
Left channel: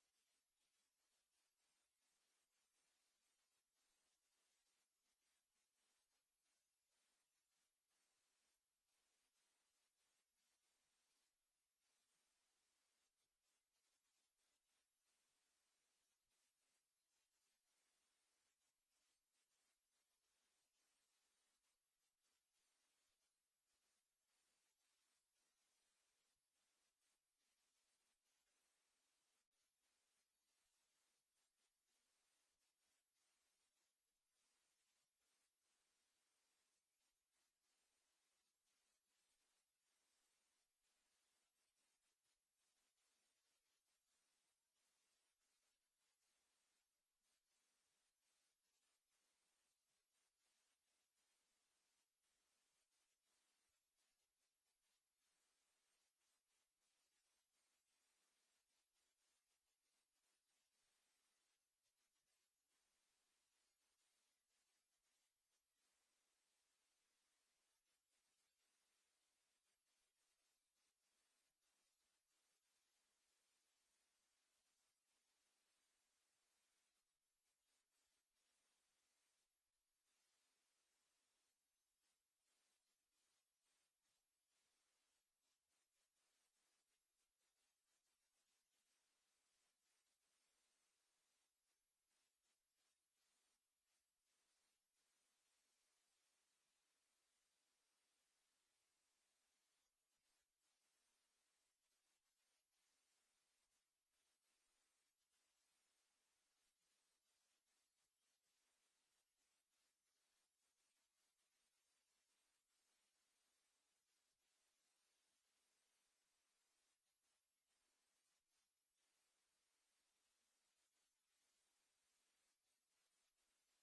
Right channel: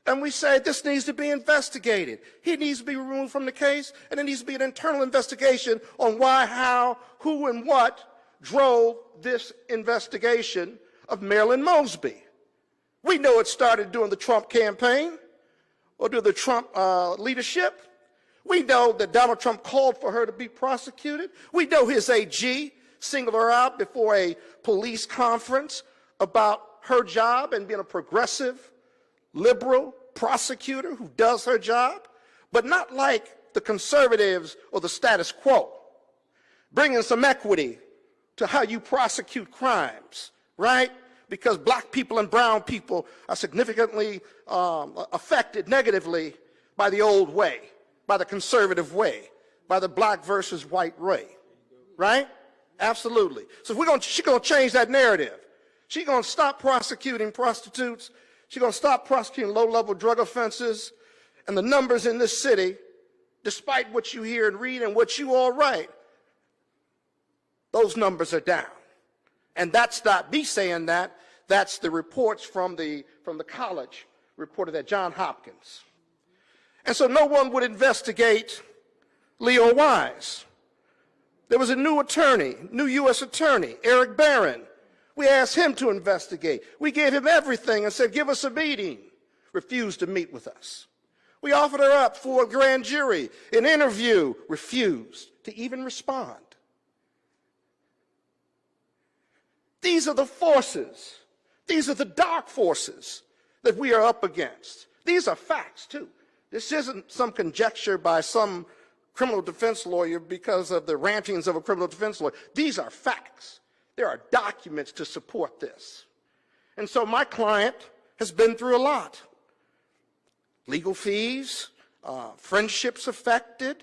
and we say this needs to be investigated. He needs to be removed from the case, and there needs to be an internal investigation on why, how, who, and what drove this investigation of Marilyn Mosby. We know it started during the Trump campaign or during the Trump leadership. We know that Donald Trump called for her to be prosecuted. We know his AG singled her out before a police conference about her job and being a progressive, liberal prosecutor who does her job, but not like the conservatives or the status quo. Bringing some equity to how you prosecute crimes, right? Because black people and brown people are significantly affected negatively by the old way, by the conservative way, by the black versus white way, right? Absolutely. So she's going to change that narrative. She's going to stop prosecuting prostitutes. She's going to stop prosecuting low-level drug offenses. And the numbers in this city, despite what you hear and read and what you all write, those numbers are down. And that's not me saying that. That's the reports from the college reported at Johns Hopkins. And so no one would investigate Leo Wise. There was a new attorney, new U.S. attorney, Eric Barron. We asked him to investigate. We gave him everything and said, give us a meeting. Refused to meet with us. We offered her up for a grand jury, an interview, refused to even respond. These are the forces. These are the dark forces that we are up against. These are facts, too. This isn't some conjecture by some criminal defense lawyer because of the rantings of a criminal defense lawyer. These are facts. There are documents to support this. And so my client has been through a lot. Legal fees, friendships affected,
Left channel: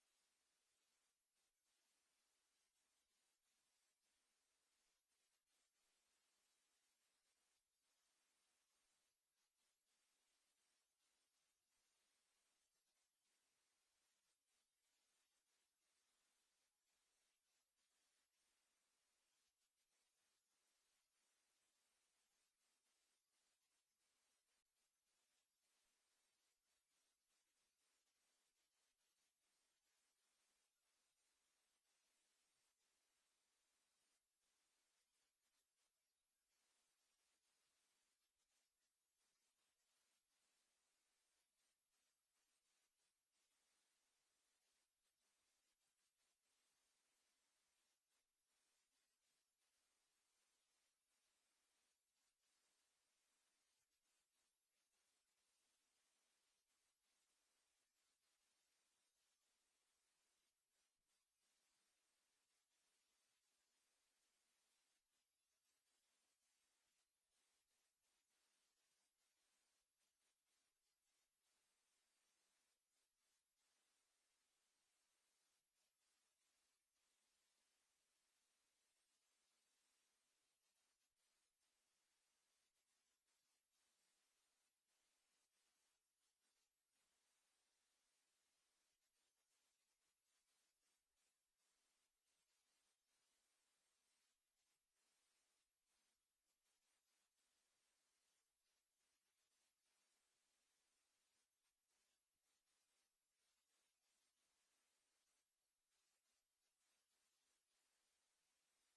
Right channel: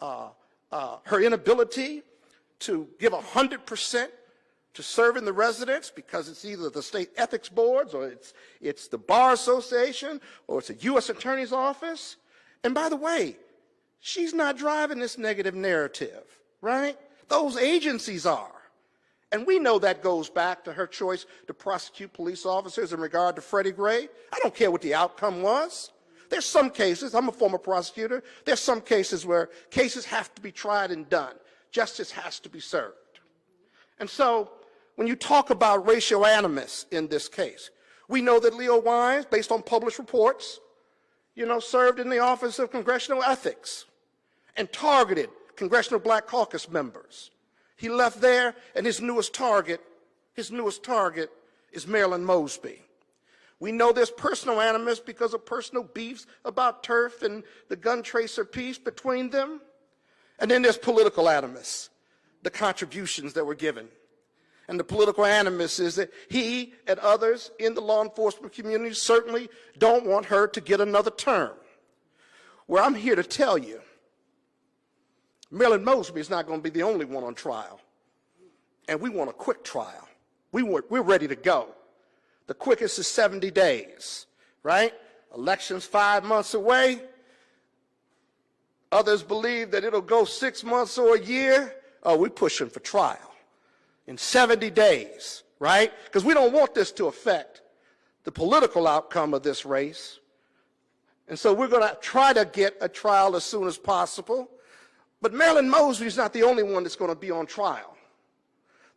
her inability to give 100% to serving the residents because it's either the state ethics boards or it's the Bar Association or it's a U.S. Attorney's Office. And by the way, she's not driving this negative narrative, right? Those agencies are. And we know that goes back to her choice to prosecute police officers in regard to Freddie Gray. I don't care what the outcome was. There's some cases, I'm a former prosecutor, there's some cases where cases have to be tried and done. Justice has to be served. And so when you talk about racial animus in this case, we know that Leo Wines, based on published reports, served in the Office of Congressional Ethics and targeted Congressional Black Caucus members. He left there, and his newest target is Marilyn Mosby. We know there's personal animus because of personal beefs about turf and the gun tracer piece between them. And then there's political animus, the contributions that were given. And the political animus is that he and others in the law enforcement community certainly don't want her to get another term. Well, I'm here to tell you, Marilyn Mosby is not going to be the only one on trial. And we want a quick trial. We're ready to go. The quickest is 70 days, right? Election's 5 months away. Others believe that it'll go 6 months or a year. Oh, we're pushing for trial in 70 days, right? Because we don't want this to affect the political outcome of this race. And so we're going to try to get a trial as soon as possible. But Marilyn Mosby is not the only one that's going to be on trial.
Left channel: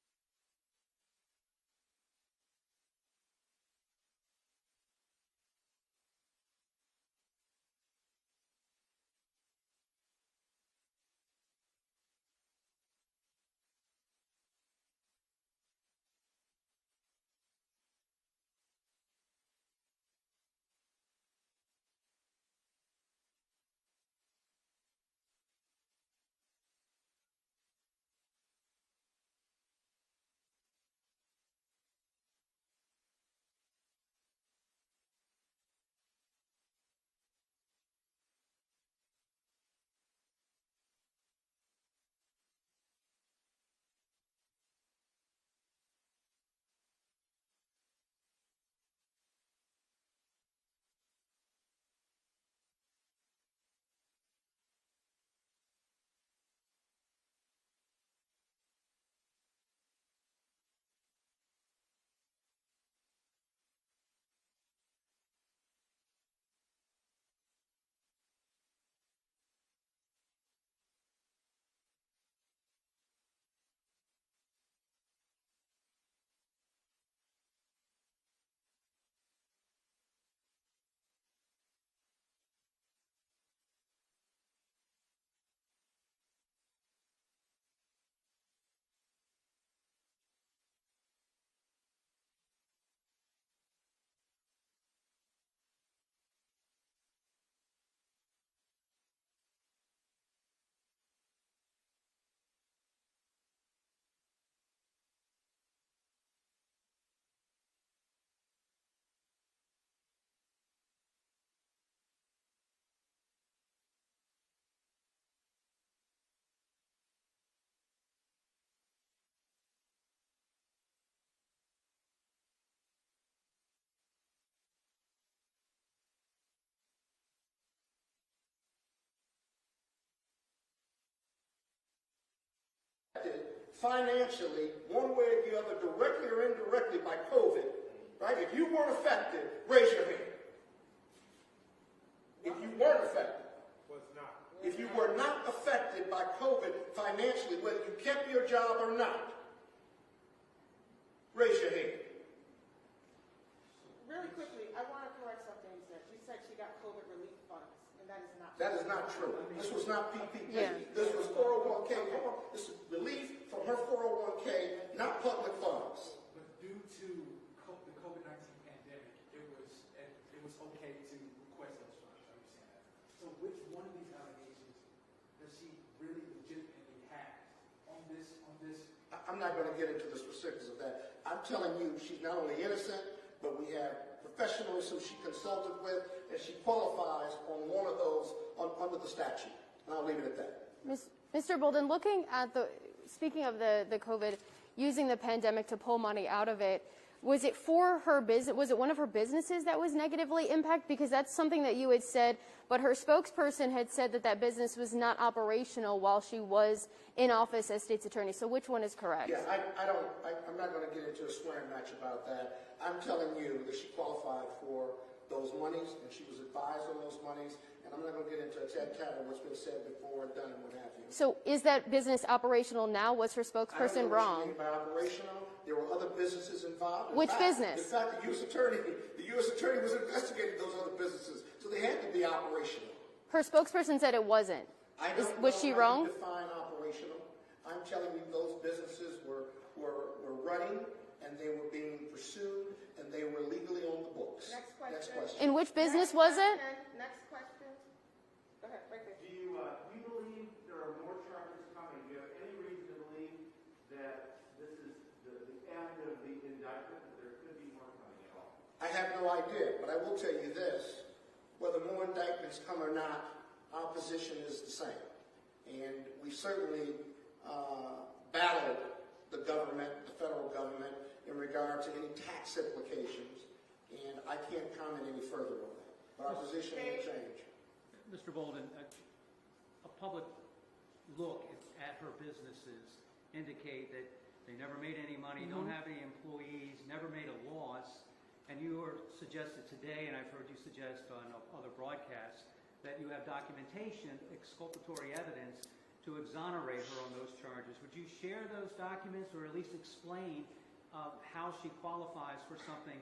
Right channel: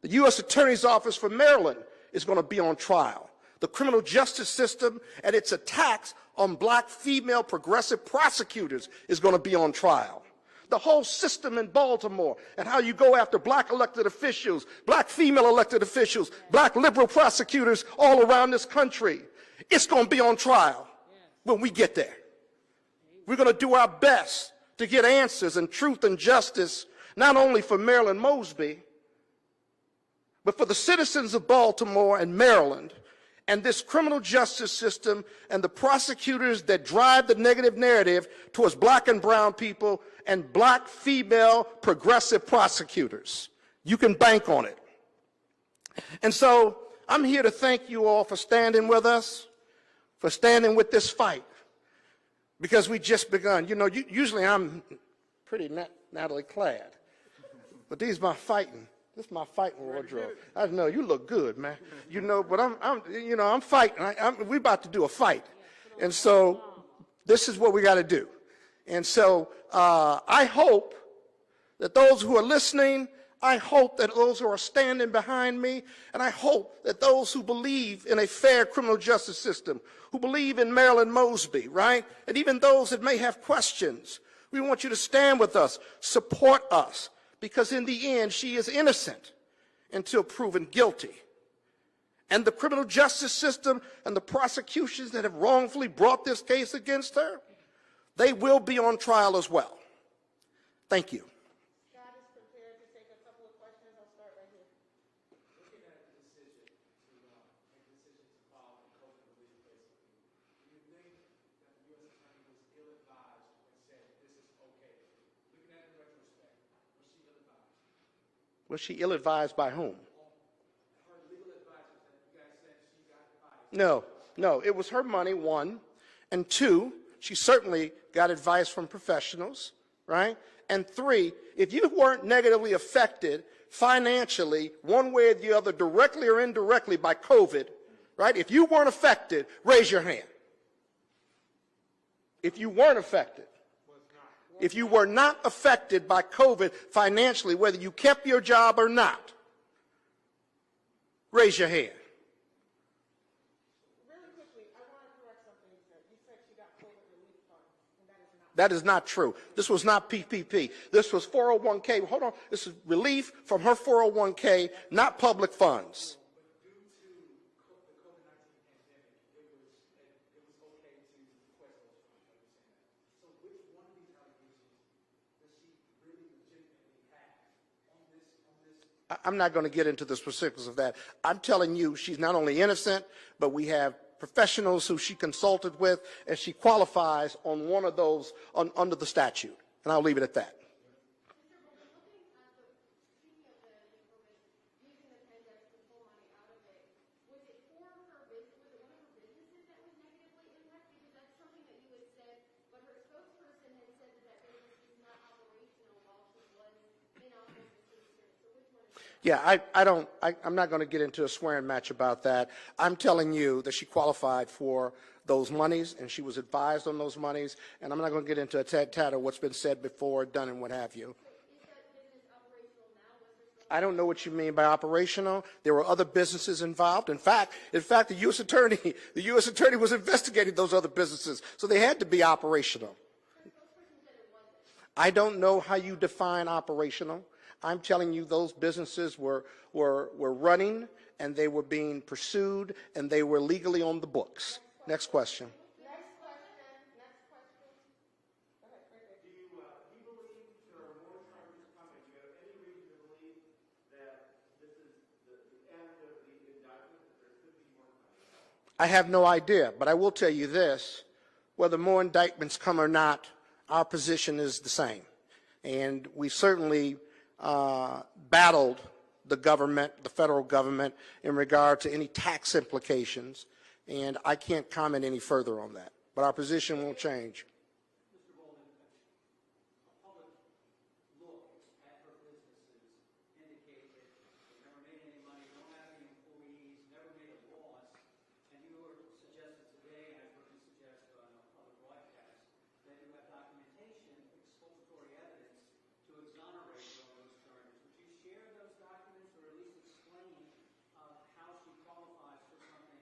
The U.S. Attorney's Office for Maryland is going to be on trial. The criminal justice system and its attacks on black female progressive prosecutors is going to be on trial. The whole system in Baltimore and how you go after black elected officials, black female elected officials, black liberal prosecutors all around this country, it's going to be on trial when we get there. We're going to do our best to get answers and truth and justice, not only for Marilyn Mosby, but for the citizens of Baltimore and Maryland and this criminal justice system and the prosecutors that drive the negative narrative towards black and brown people and black female progressive prosecutors. You can bank on it. And so I'm here to thank you all for standing with us, for standing with this fight, because we just begun. Usually I'm pretty Natalie clad, but this is my fighting wardrobe. I know you look good, man. But I'm fighting. We're about to do a fight, and so this is what we got to do. And so I hope that those who are listening, I hope that those who are standing behind me, and I hope that those who believe in a fair criminal justice system, who believe in Marilyn Mosby, right, and even those that may have questions, we want you to stand with us, support us, because in the end, she is innocent until proven guilty. And the criminal justice system and the prosecutions that have wrongfully brought this case against her, they will be on trial as well. Thank you. God is prepared to take a couple of questions. I'll start right here. Looking at the decision to make decisions to file a COVID relief case, do you think that the U.S. Attorney was ill-advised when said this is okay? Looking at it in retrospect, was she ill-advised? Was she ill-advised by whom? Her legal advisors that you guys said she got advice. No, it was her money, one. And two, she certainly got advice from professionals, right? And three, if you weren't negatively affected financially, one way or the other, directly or indirectly by COVID, right? If you weren't affected, raise your hand. If you weren't affected. If you were not affected by COVID financially, whether you kept your job or not, raise your hand. Really quickly, I want to correct something you said. You said she got COVID relief funds, and that is not. That is not true. This was not PPP. This was 401k. Hold on. This is relief from her 401k, not public funds. But due to the COVID-19 pandemic, it was I'm not going to get into the specifics of that. I'm telling you, she's not only innocent, but we have professionals who she consulted with, and she qualifies on one of those under the statute. And I'll leave it at that. Mr. Bolden, looking at speaking of the COVID, using the pandemic to pull money out of it, was it for her business? Was it one of her businesses that was negatively impacted? Because that's something that you had said, but her spokesperson had said that business was not operational while she was in office as state's attorney. So which one is correct? Yeah, I'm not going to get into a swearing match about that. I'm telling you that she qualified for those monies, and she was advised on those monies, and I'm not going to get into a tat of what's been said before, done, and what have you. So is that business operational now? Was her spokesperson I don't know what wrong? you mean by operational. There were other businesses involved. Which business? In fact, the U.S. attorney was investigating those other businesses, so they had to be operational. Her spokesperson said it wasn't. I don't know how wrong? you define operational. I'm telling you those businesses were running, and they were being pursued, and they were legally on the books. Next question. In which business was it? Next question. Go ahead, right there. Do you believe there are more charges coming? Do you have any reason to believe that this is the end of the indictment, that there could be more coming at all? I have no idea, but I will tell you this. Whether more indictments come or not, our position is the same. And we certainly battled the government, the federal government, in regard to any tax implications. And I can't comment any further on that. But our position won't change. Mr. Bolden, a public look at her businesses indicate that they never made any money, don't have any employees, never made a loss, and you were suggested today, and I've heard you suggest on other broadcasts, that you have documentation, exculpatory evidence to exonerate her on those charges. Would you share those documents, or at least explain how she qualifies for something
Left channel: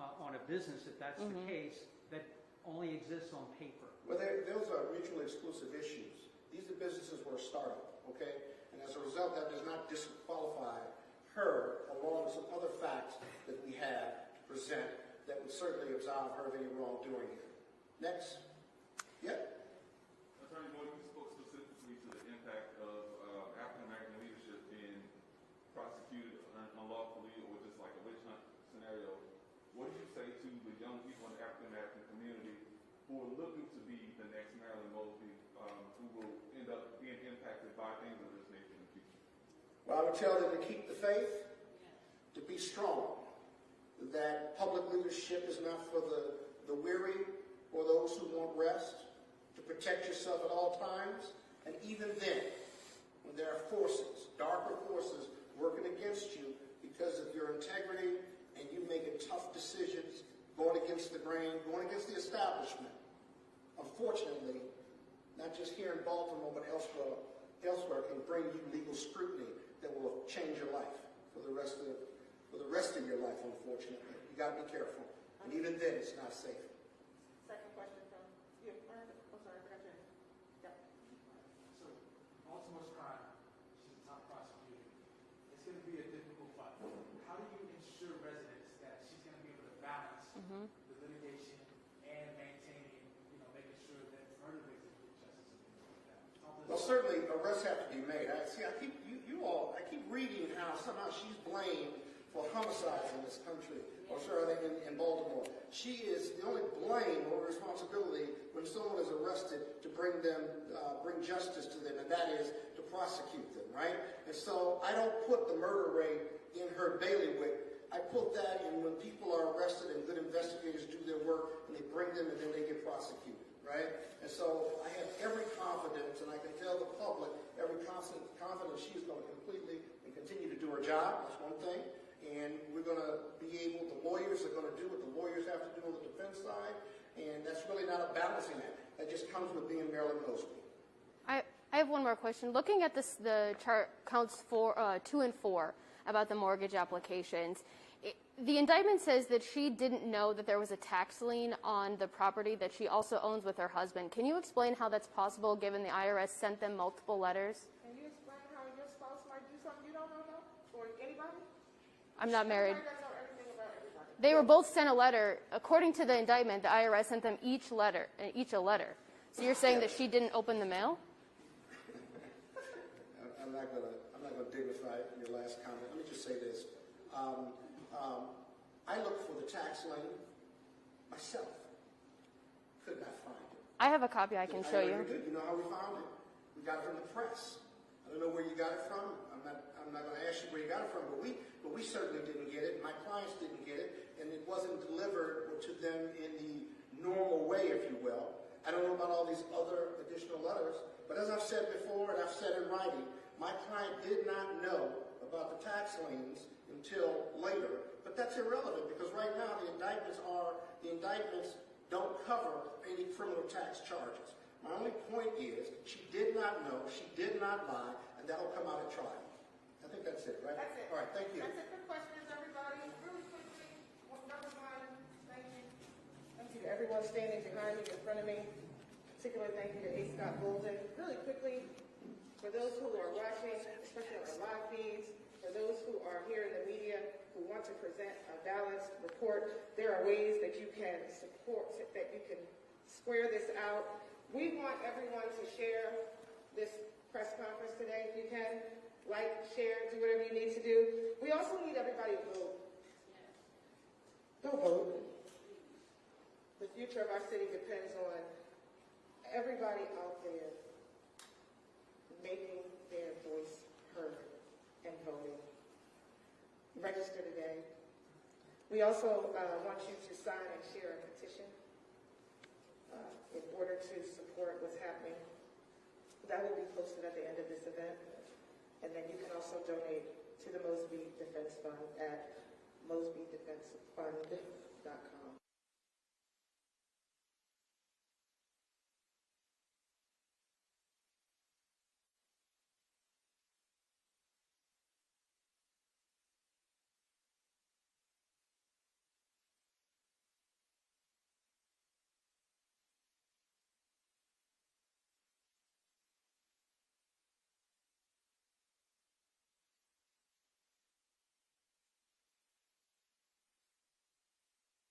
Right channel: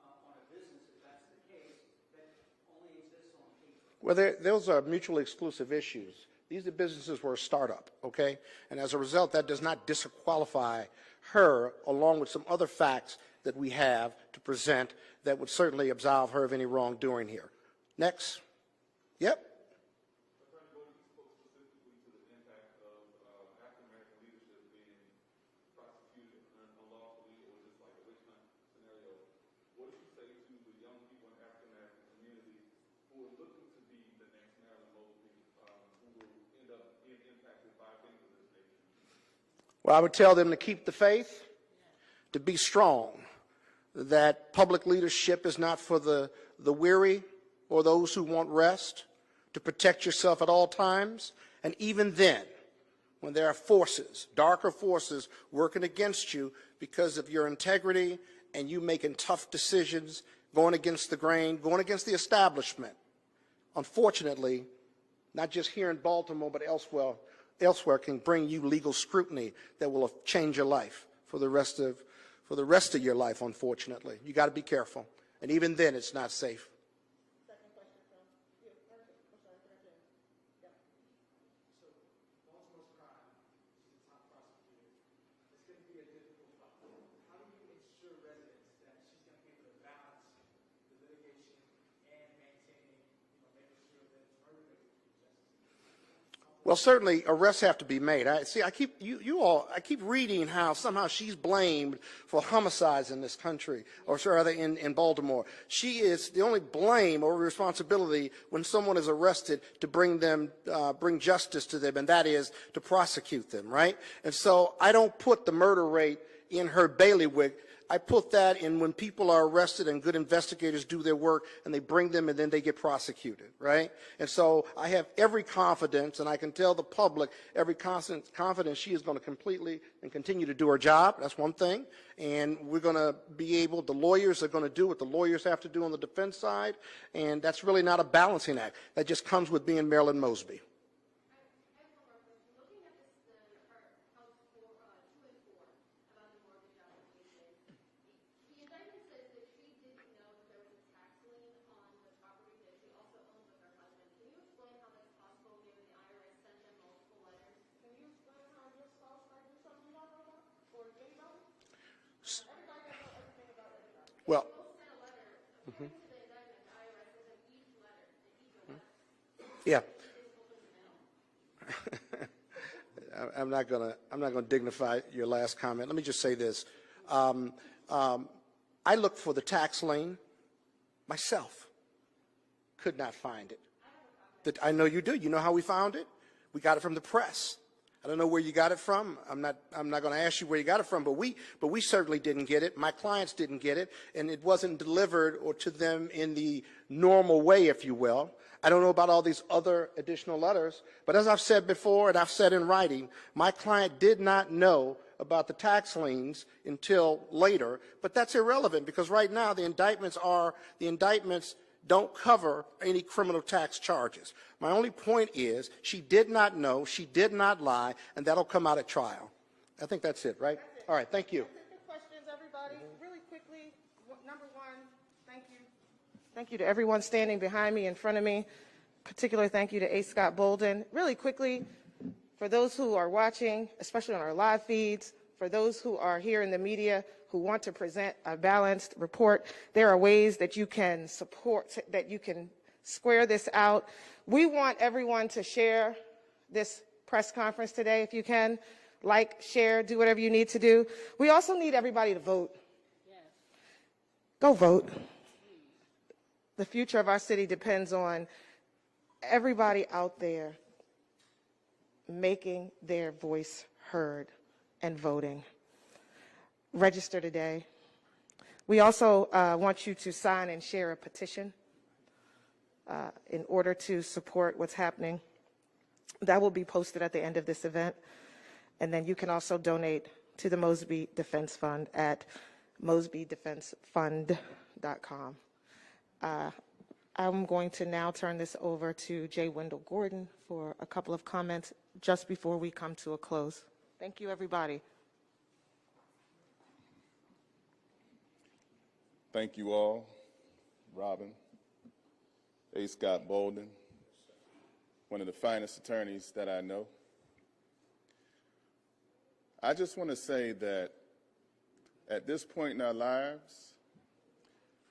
on a business, if that's the case, that only exists on paper? Well, those are mutually exclusive issues. These businesses were a startup, okay? And as a result, that does not disqualify her, along with some other facts that we have to present that would certainly absolve her of any wrongdoing here. Next. Yep. Attorney Bolden, you spoke specifically to the impact of African-American leadership being prosecuted unlawfully or just like a witch hunt scenario. What did you say to the young people in the African-American community who are looking to be the next Marilyn Mosby, who will end up being impacted by things of this nature in the future? Well, I would tell them to keep the faith, to be strong, that public leadership is not for the weary or those who want rest, to protect yourself at all times. And even then, when there are forces, darker forces, working against you because of your integrity and you making tough decisions, going against the grain, going against the establishment, unfortunately, not just here in Baltimore, but elsewhere can bring you legal scrutiny that will change your life for the rest of your life, unfortunately. You got to be careful. And even then, it's not safe. Second question from you. Oh, sorry, I forgot your name. Yep. So, Baltimore's crime, she's a top prosecutor. It's going to be a difficult fight. How do you ensure residents that she's going to be able to balance the litigation and maintaining, making sure that murder victims get justice? Well, certainly arrests have to be made. I keep reading how somehow she's blamed for homicides in this country, or rather in Baltimore. She is the only blame or responsibility when someone is arrested to bring justice to them, and that is to prosecute them, right? And so I don't put the murder rate in her bailiwick. I put that in when people are arrested and good investigators do their work and they bring them and then they get prosecuted, right? And so I have every confidence, and I can tell the public every confidence she is going to completely and continue to do her job. That's one thing. And we're going to be able, the lawyers are going to do what the lawyers have to do on the defense side, and that's really not a balancing act. That just comes with being Marilyn Mosby. I have one more question. Looking at the chart counts 2 and 4 about the mortgage applications, the indictment says that she didn't know that there was a tax lien on the property that she also owns with her husband. Can you explain how that's possible, given the IRS sent them multiple letters? Can you explain how your spouse might do something you don't know about? Or anybody? I'm not married. Everybody doesn't know everything about everybody. They were both sent a letter. According to the indictment, the IRS sent them each a letter. So you're saying that she didn't open the mail? I'm not gonna dignify your last comment. Let me just say this. I looked for the tax lien myself. Could not find it. I have a copy I can show I know you do. You know how we found it? We got it from the press. I don't know where you got it from. I'm not going to ask you where you got it from, but we certainly didn't get it. My clients didn't get it, and it wasn't delivered or to them in the normal way, if you will. I don't know about all these other additional letters, but as I've said before and I've said in writing, my client did not know about the tax liens until later, but that's irrelevant because right now the indictments don't cover any criminal tax charges. My only point is she did not know, she did not lie, and that'll come out at trial. I think that's it, right? That's it. All right, thank you. That's it for questions, everybody. Really quickly, number one, thank you. Thank you to everyone standing behind me, in front of me. Particular thank you to A. Scott Bolden. Really quickly, for those who are watching, especially on our live feeds, for those who are here in the media who want to present a balanced report, there are ways that you can support, that you can square this out. We want everyone to share this press conference today, if you can. Like, share, do whatever you need to do. We also need everybody to vote. Go vote. The future of our city depends on everybody out there making their voice heard and voting. Register today. We also want you to sign and share a petition in order to support what's happening. That will be posted at the end of this event. And then you can also donate to the Mosby Defense Fund at mosbydefensefund.com. I'm going to now turn this over to J. Wendell Gordon for a couple of comments just before we come to a close. Thank you, everybody. Thank you all, Robin, A. Scott Bolden, one of the finest attorneys that I know. I just want to say that at this point in our lives,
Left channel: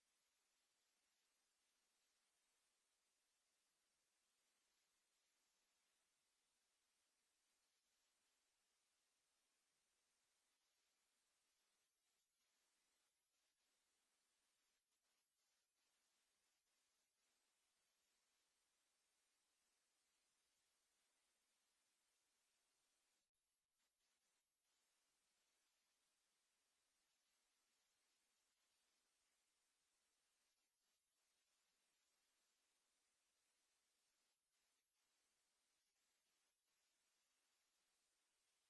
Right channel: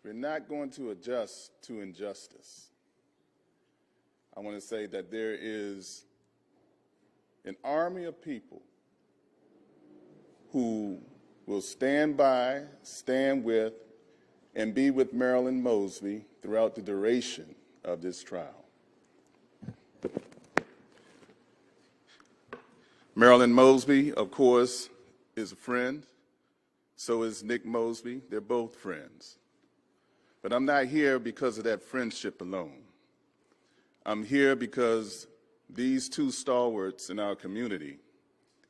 we're not going to adjust to injustice. I want to say that there is an army of people who will stand by, stand with, and be with Marilyn Mosby throughout the duration of this trial. Marilyn Mosby, of course, is a friend. So is Nick Mosby. They're both friends. But I'm not here because of that friendship alone. I'm here because these two stalwarts in our community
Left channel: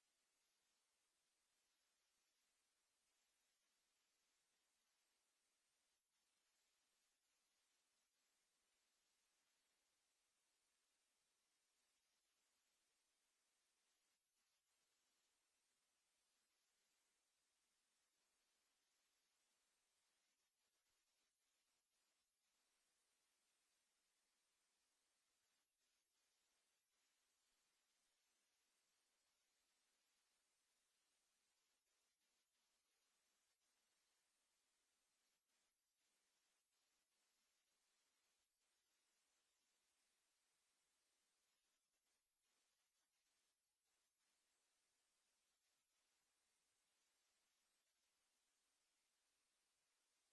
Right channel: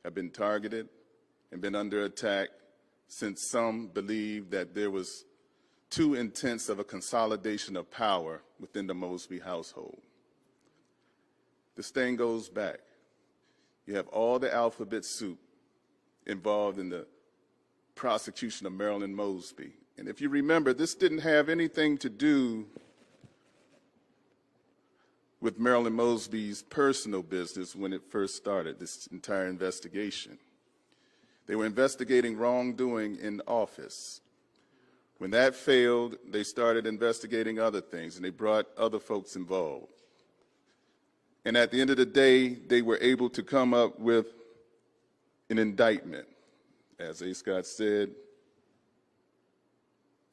have been targeted and been under attack since some believe that there was too intense of a consolidation of power within the Mosby household. This thing goes back. You have all the alphabet soup involved in the prosecution of Marilyn Mosby. And if you remember, this didn't have anything to do with Marilyn Mosby's personal business when it first started, this entire investigation. They were investigating wrongdoing in office. When that failed, they started investigating other things, and they brought other folks involved. And at the end of the day, they were able to come up with an indictment. As A. Scott said,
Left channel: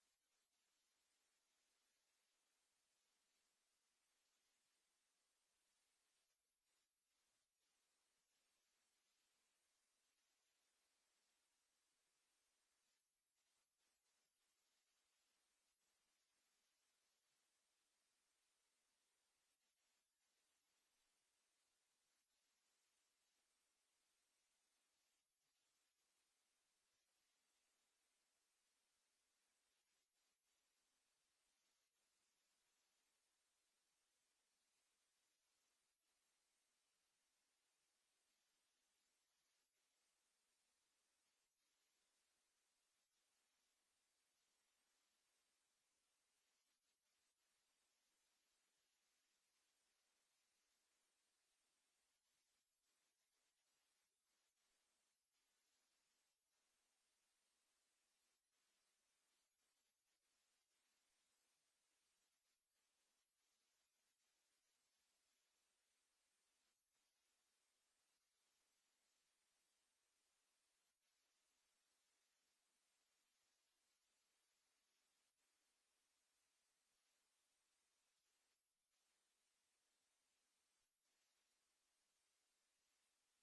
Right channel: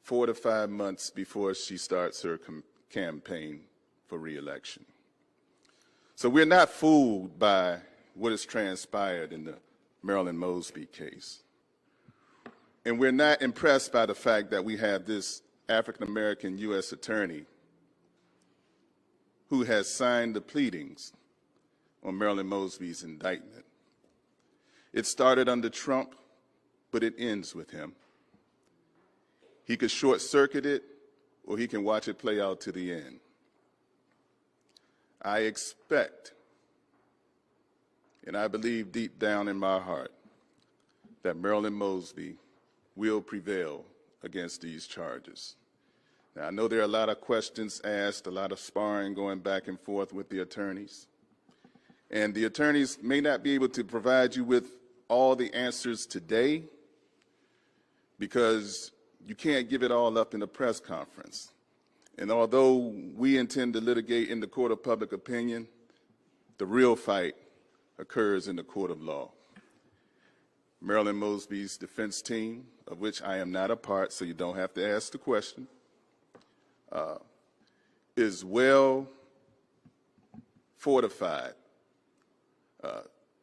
4 to 5 months before she starts her campaign for re-election. So we're not fooled by what has transpired in the Marilyn Mosby case. And we're not impressed by the fact that we have this African-American U.S. attorney who has signed the pleadings on Marilyn Mosby's indictment. It started under Trump, but it ends with him. He could short-circuit it, or he can watch it play out to the end. I expect, and I believe deep down in my heart, that Marilyn Mosby will prevail against these charges. Now, I know there are a lot of questions asked, a lot of sparring going back and forth with the attorneys. And the attorneys may not be able to provide you with all the answers today because you can't give it all up in a press conference. And although we intend to litigate in the court of public opinion, the real fight, occurs in the court of law. Marilyn Mosby's defense team, of which I am not a part, so you don't have to ask the question, is well fortified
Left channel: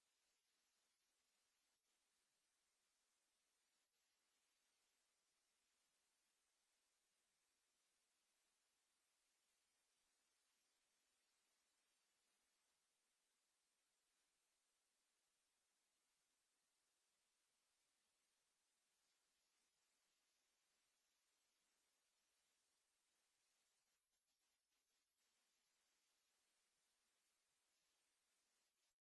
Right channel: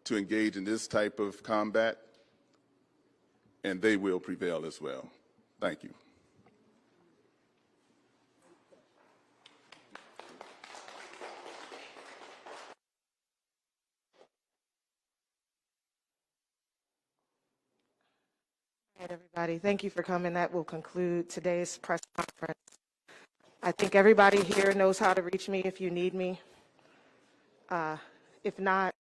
to engage in this type of combat, and they will prevail as well. Thank you. All right, everybody, thank you for coming. That will conclude today's press conference. I think everybody here knows how to reach me if you need me. If not,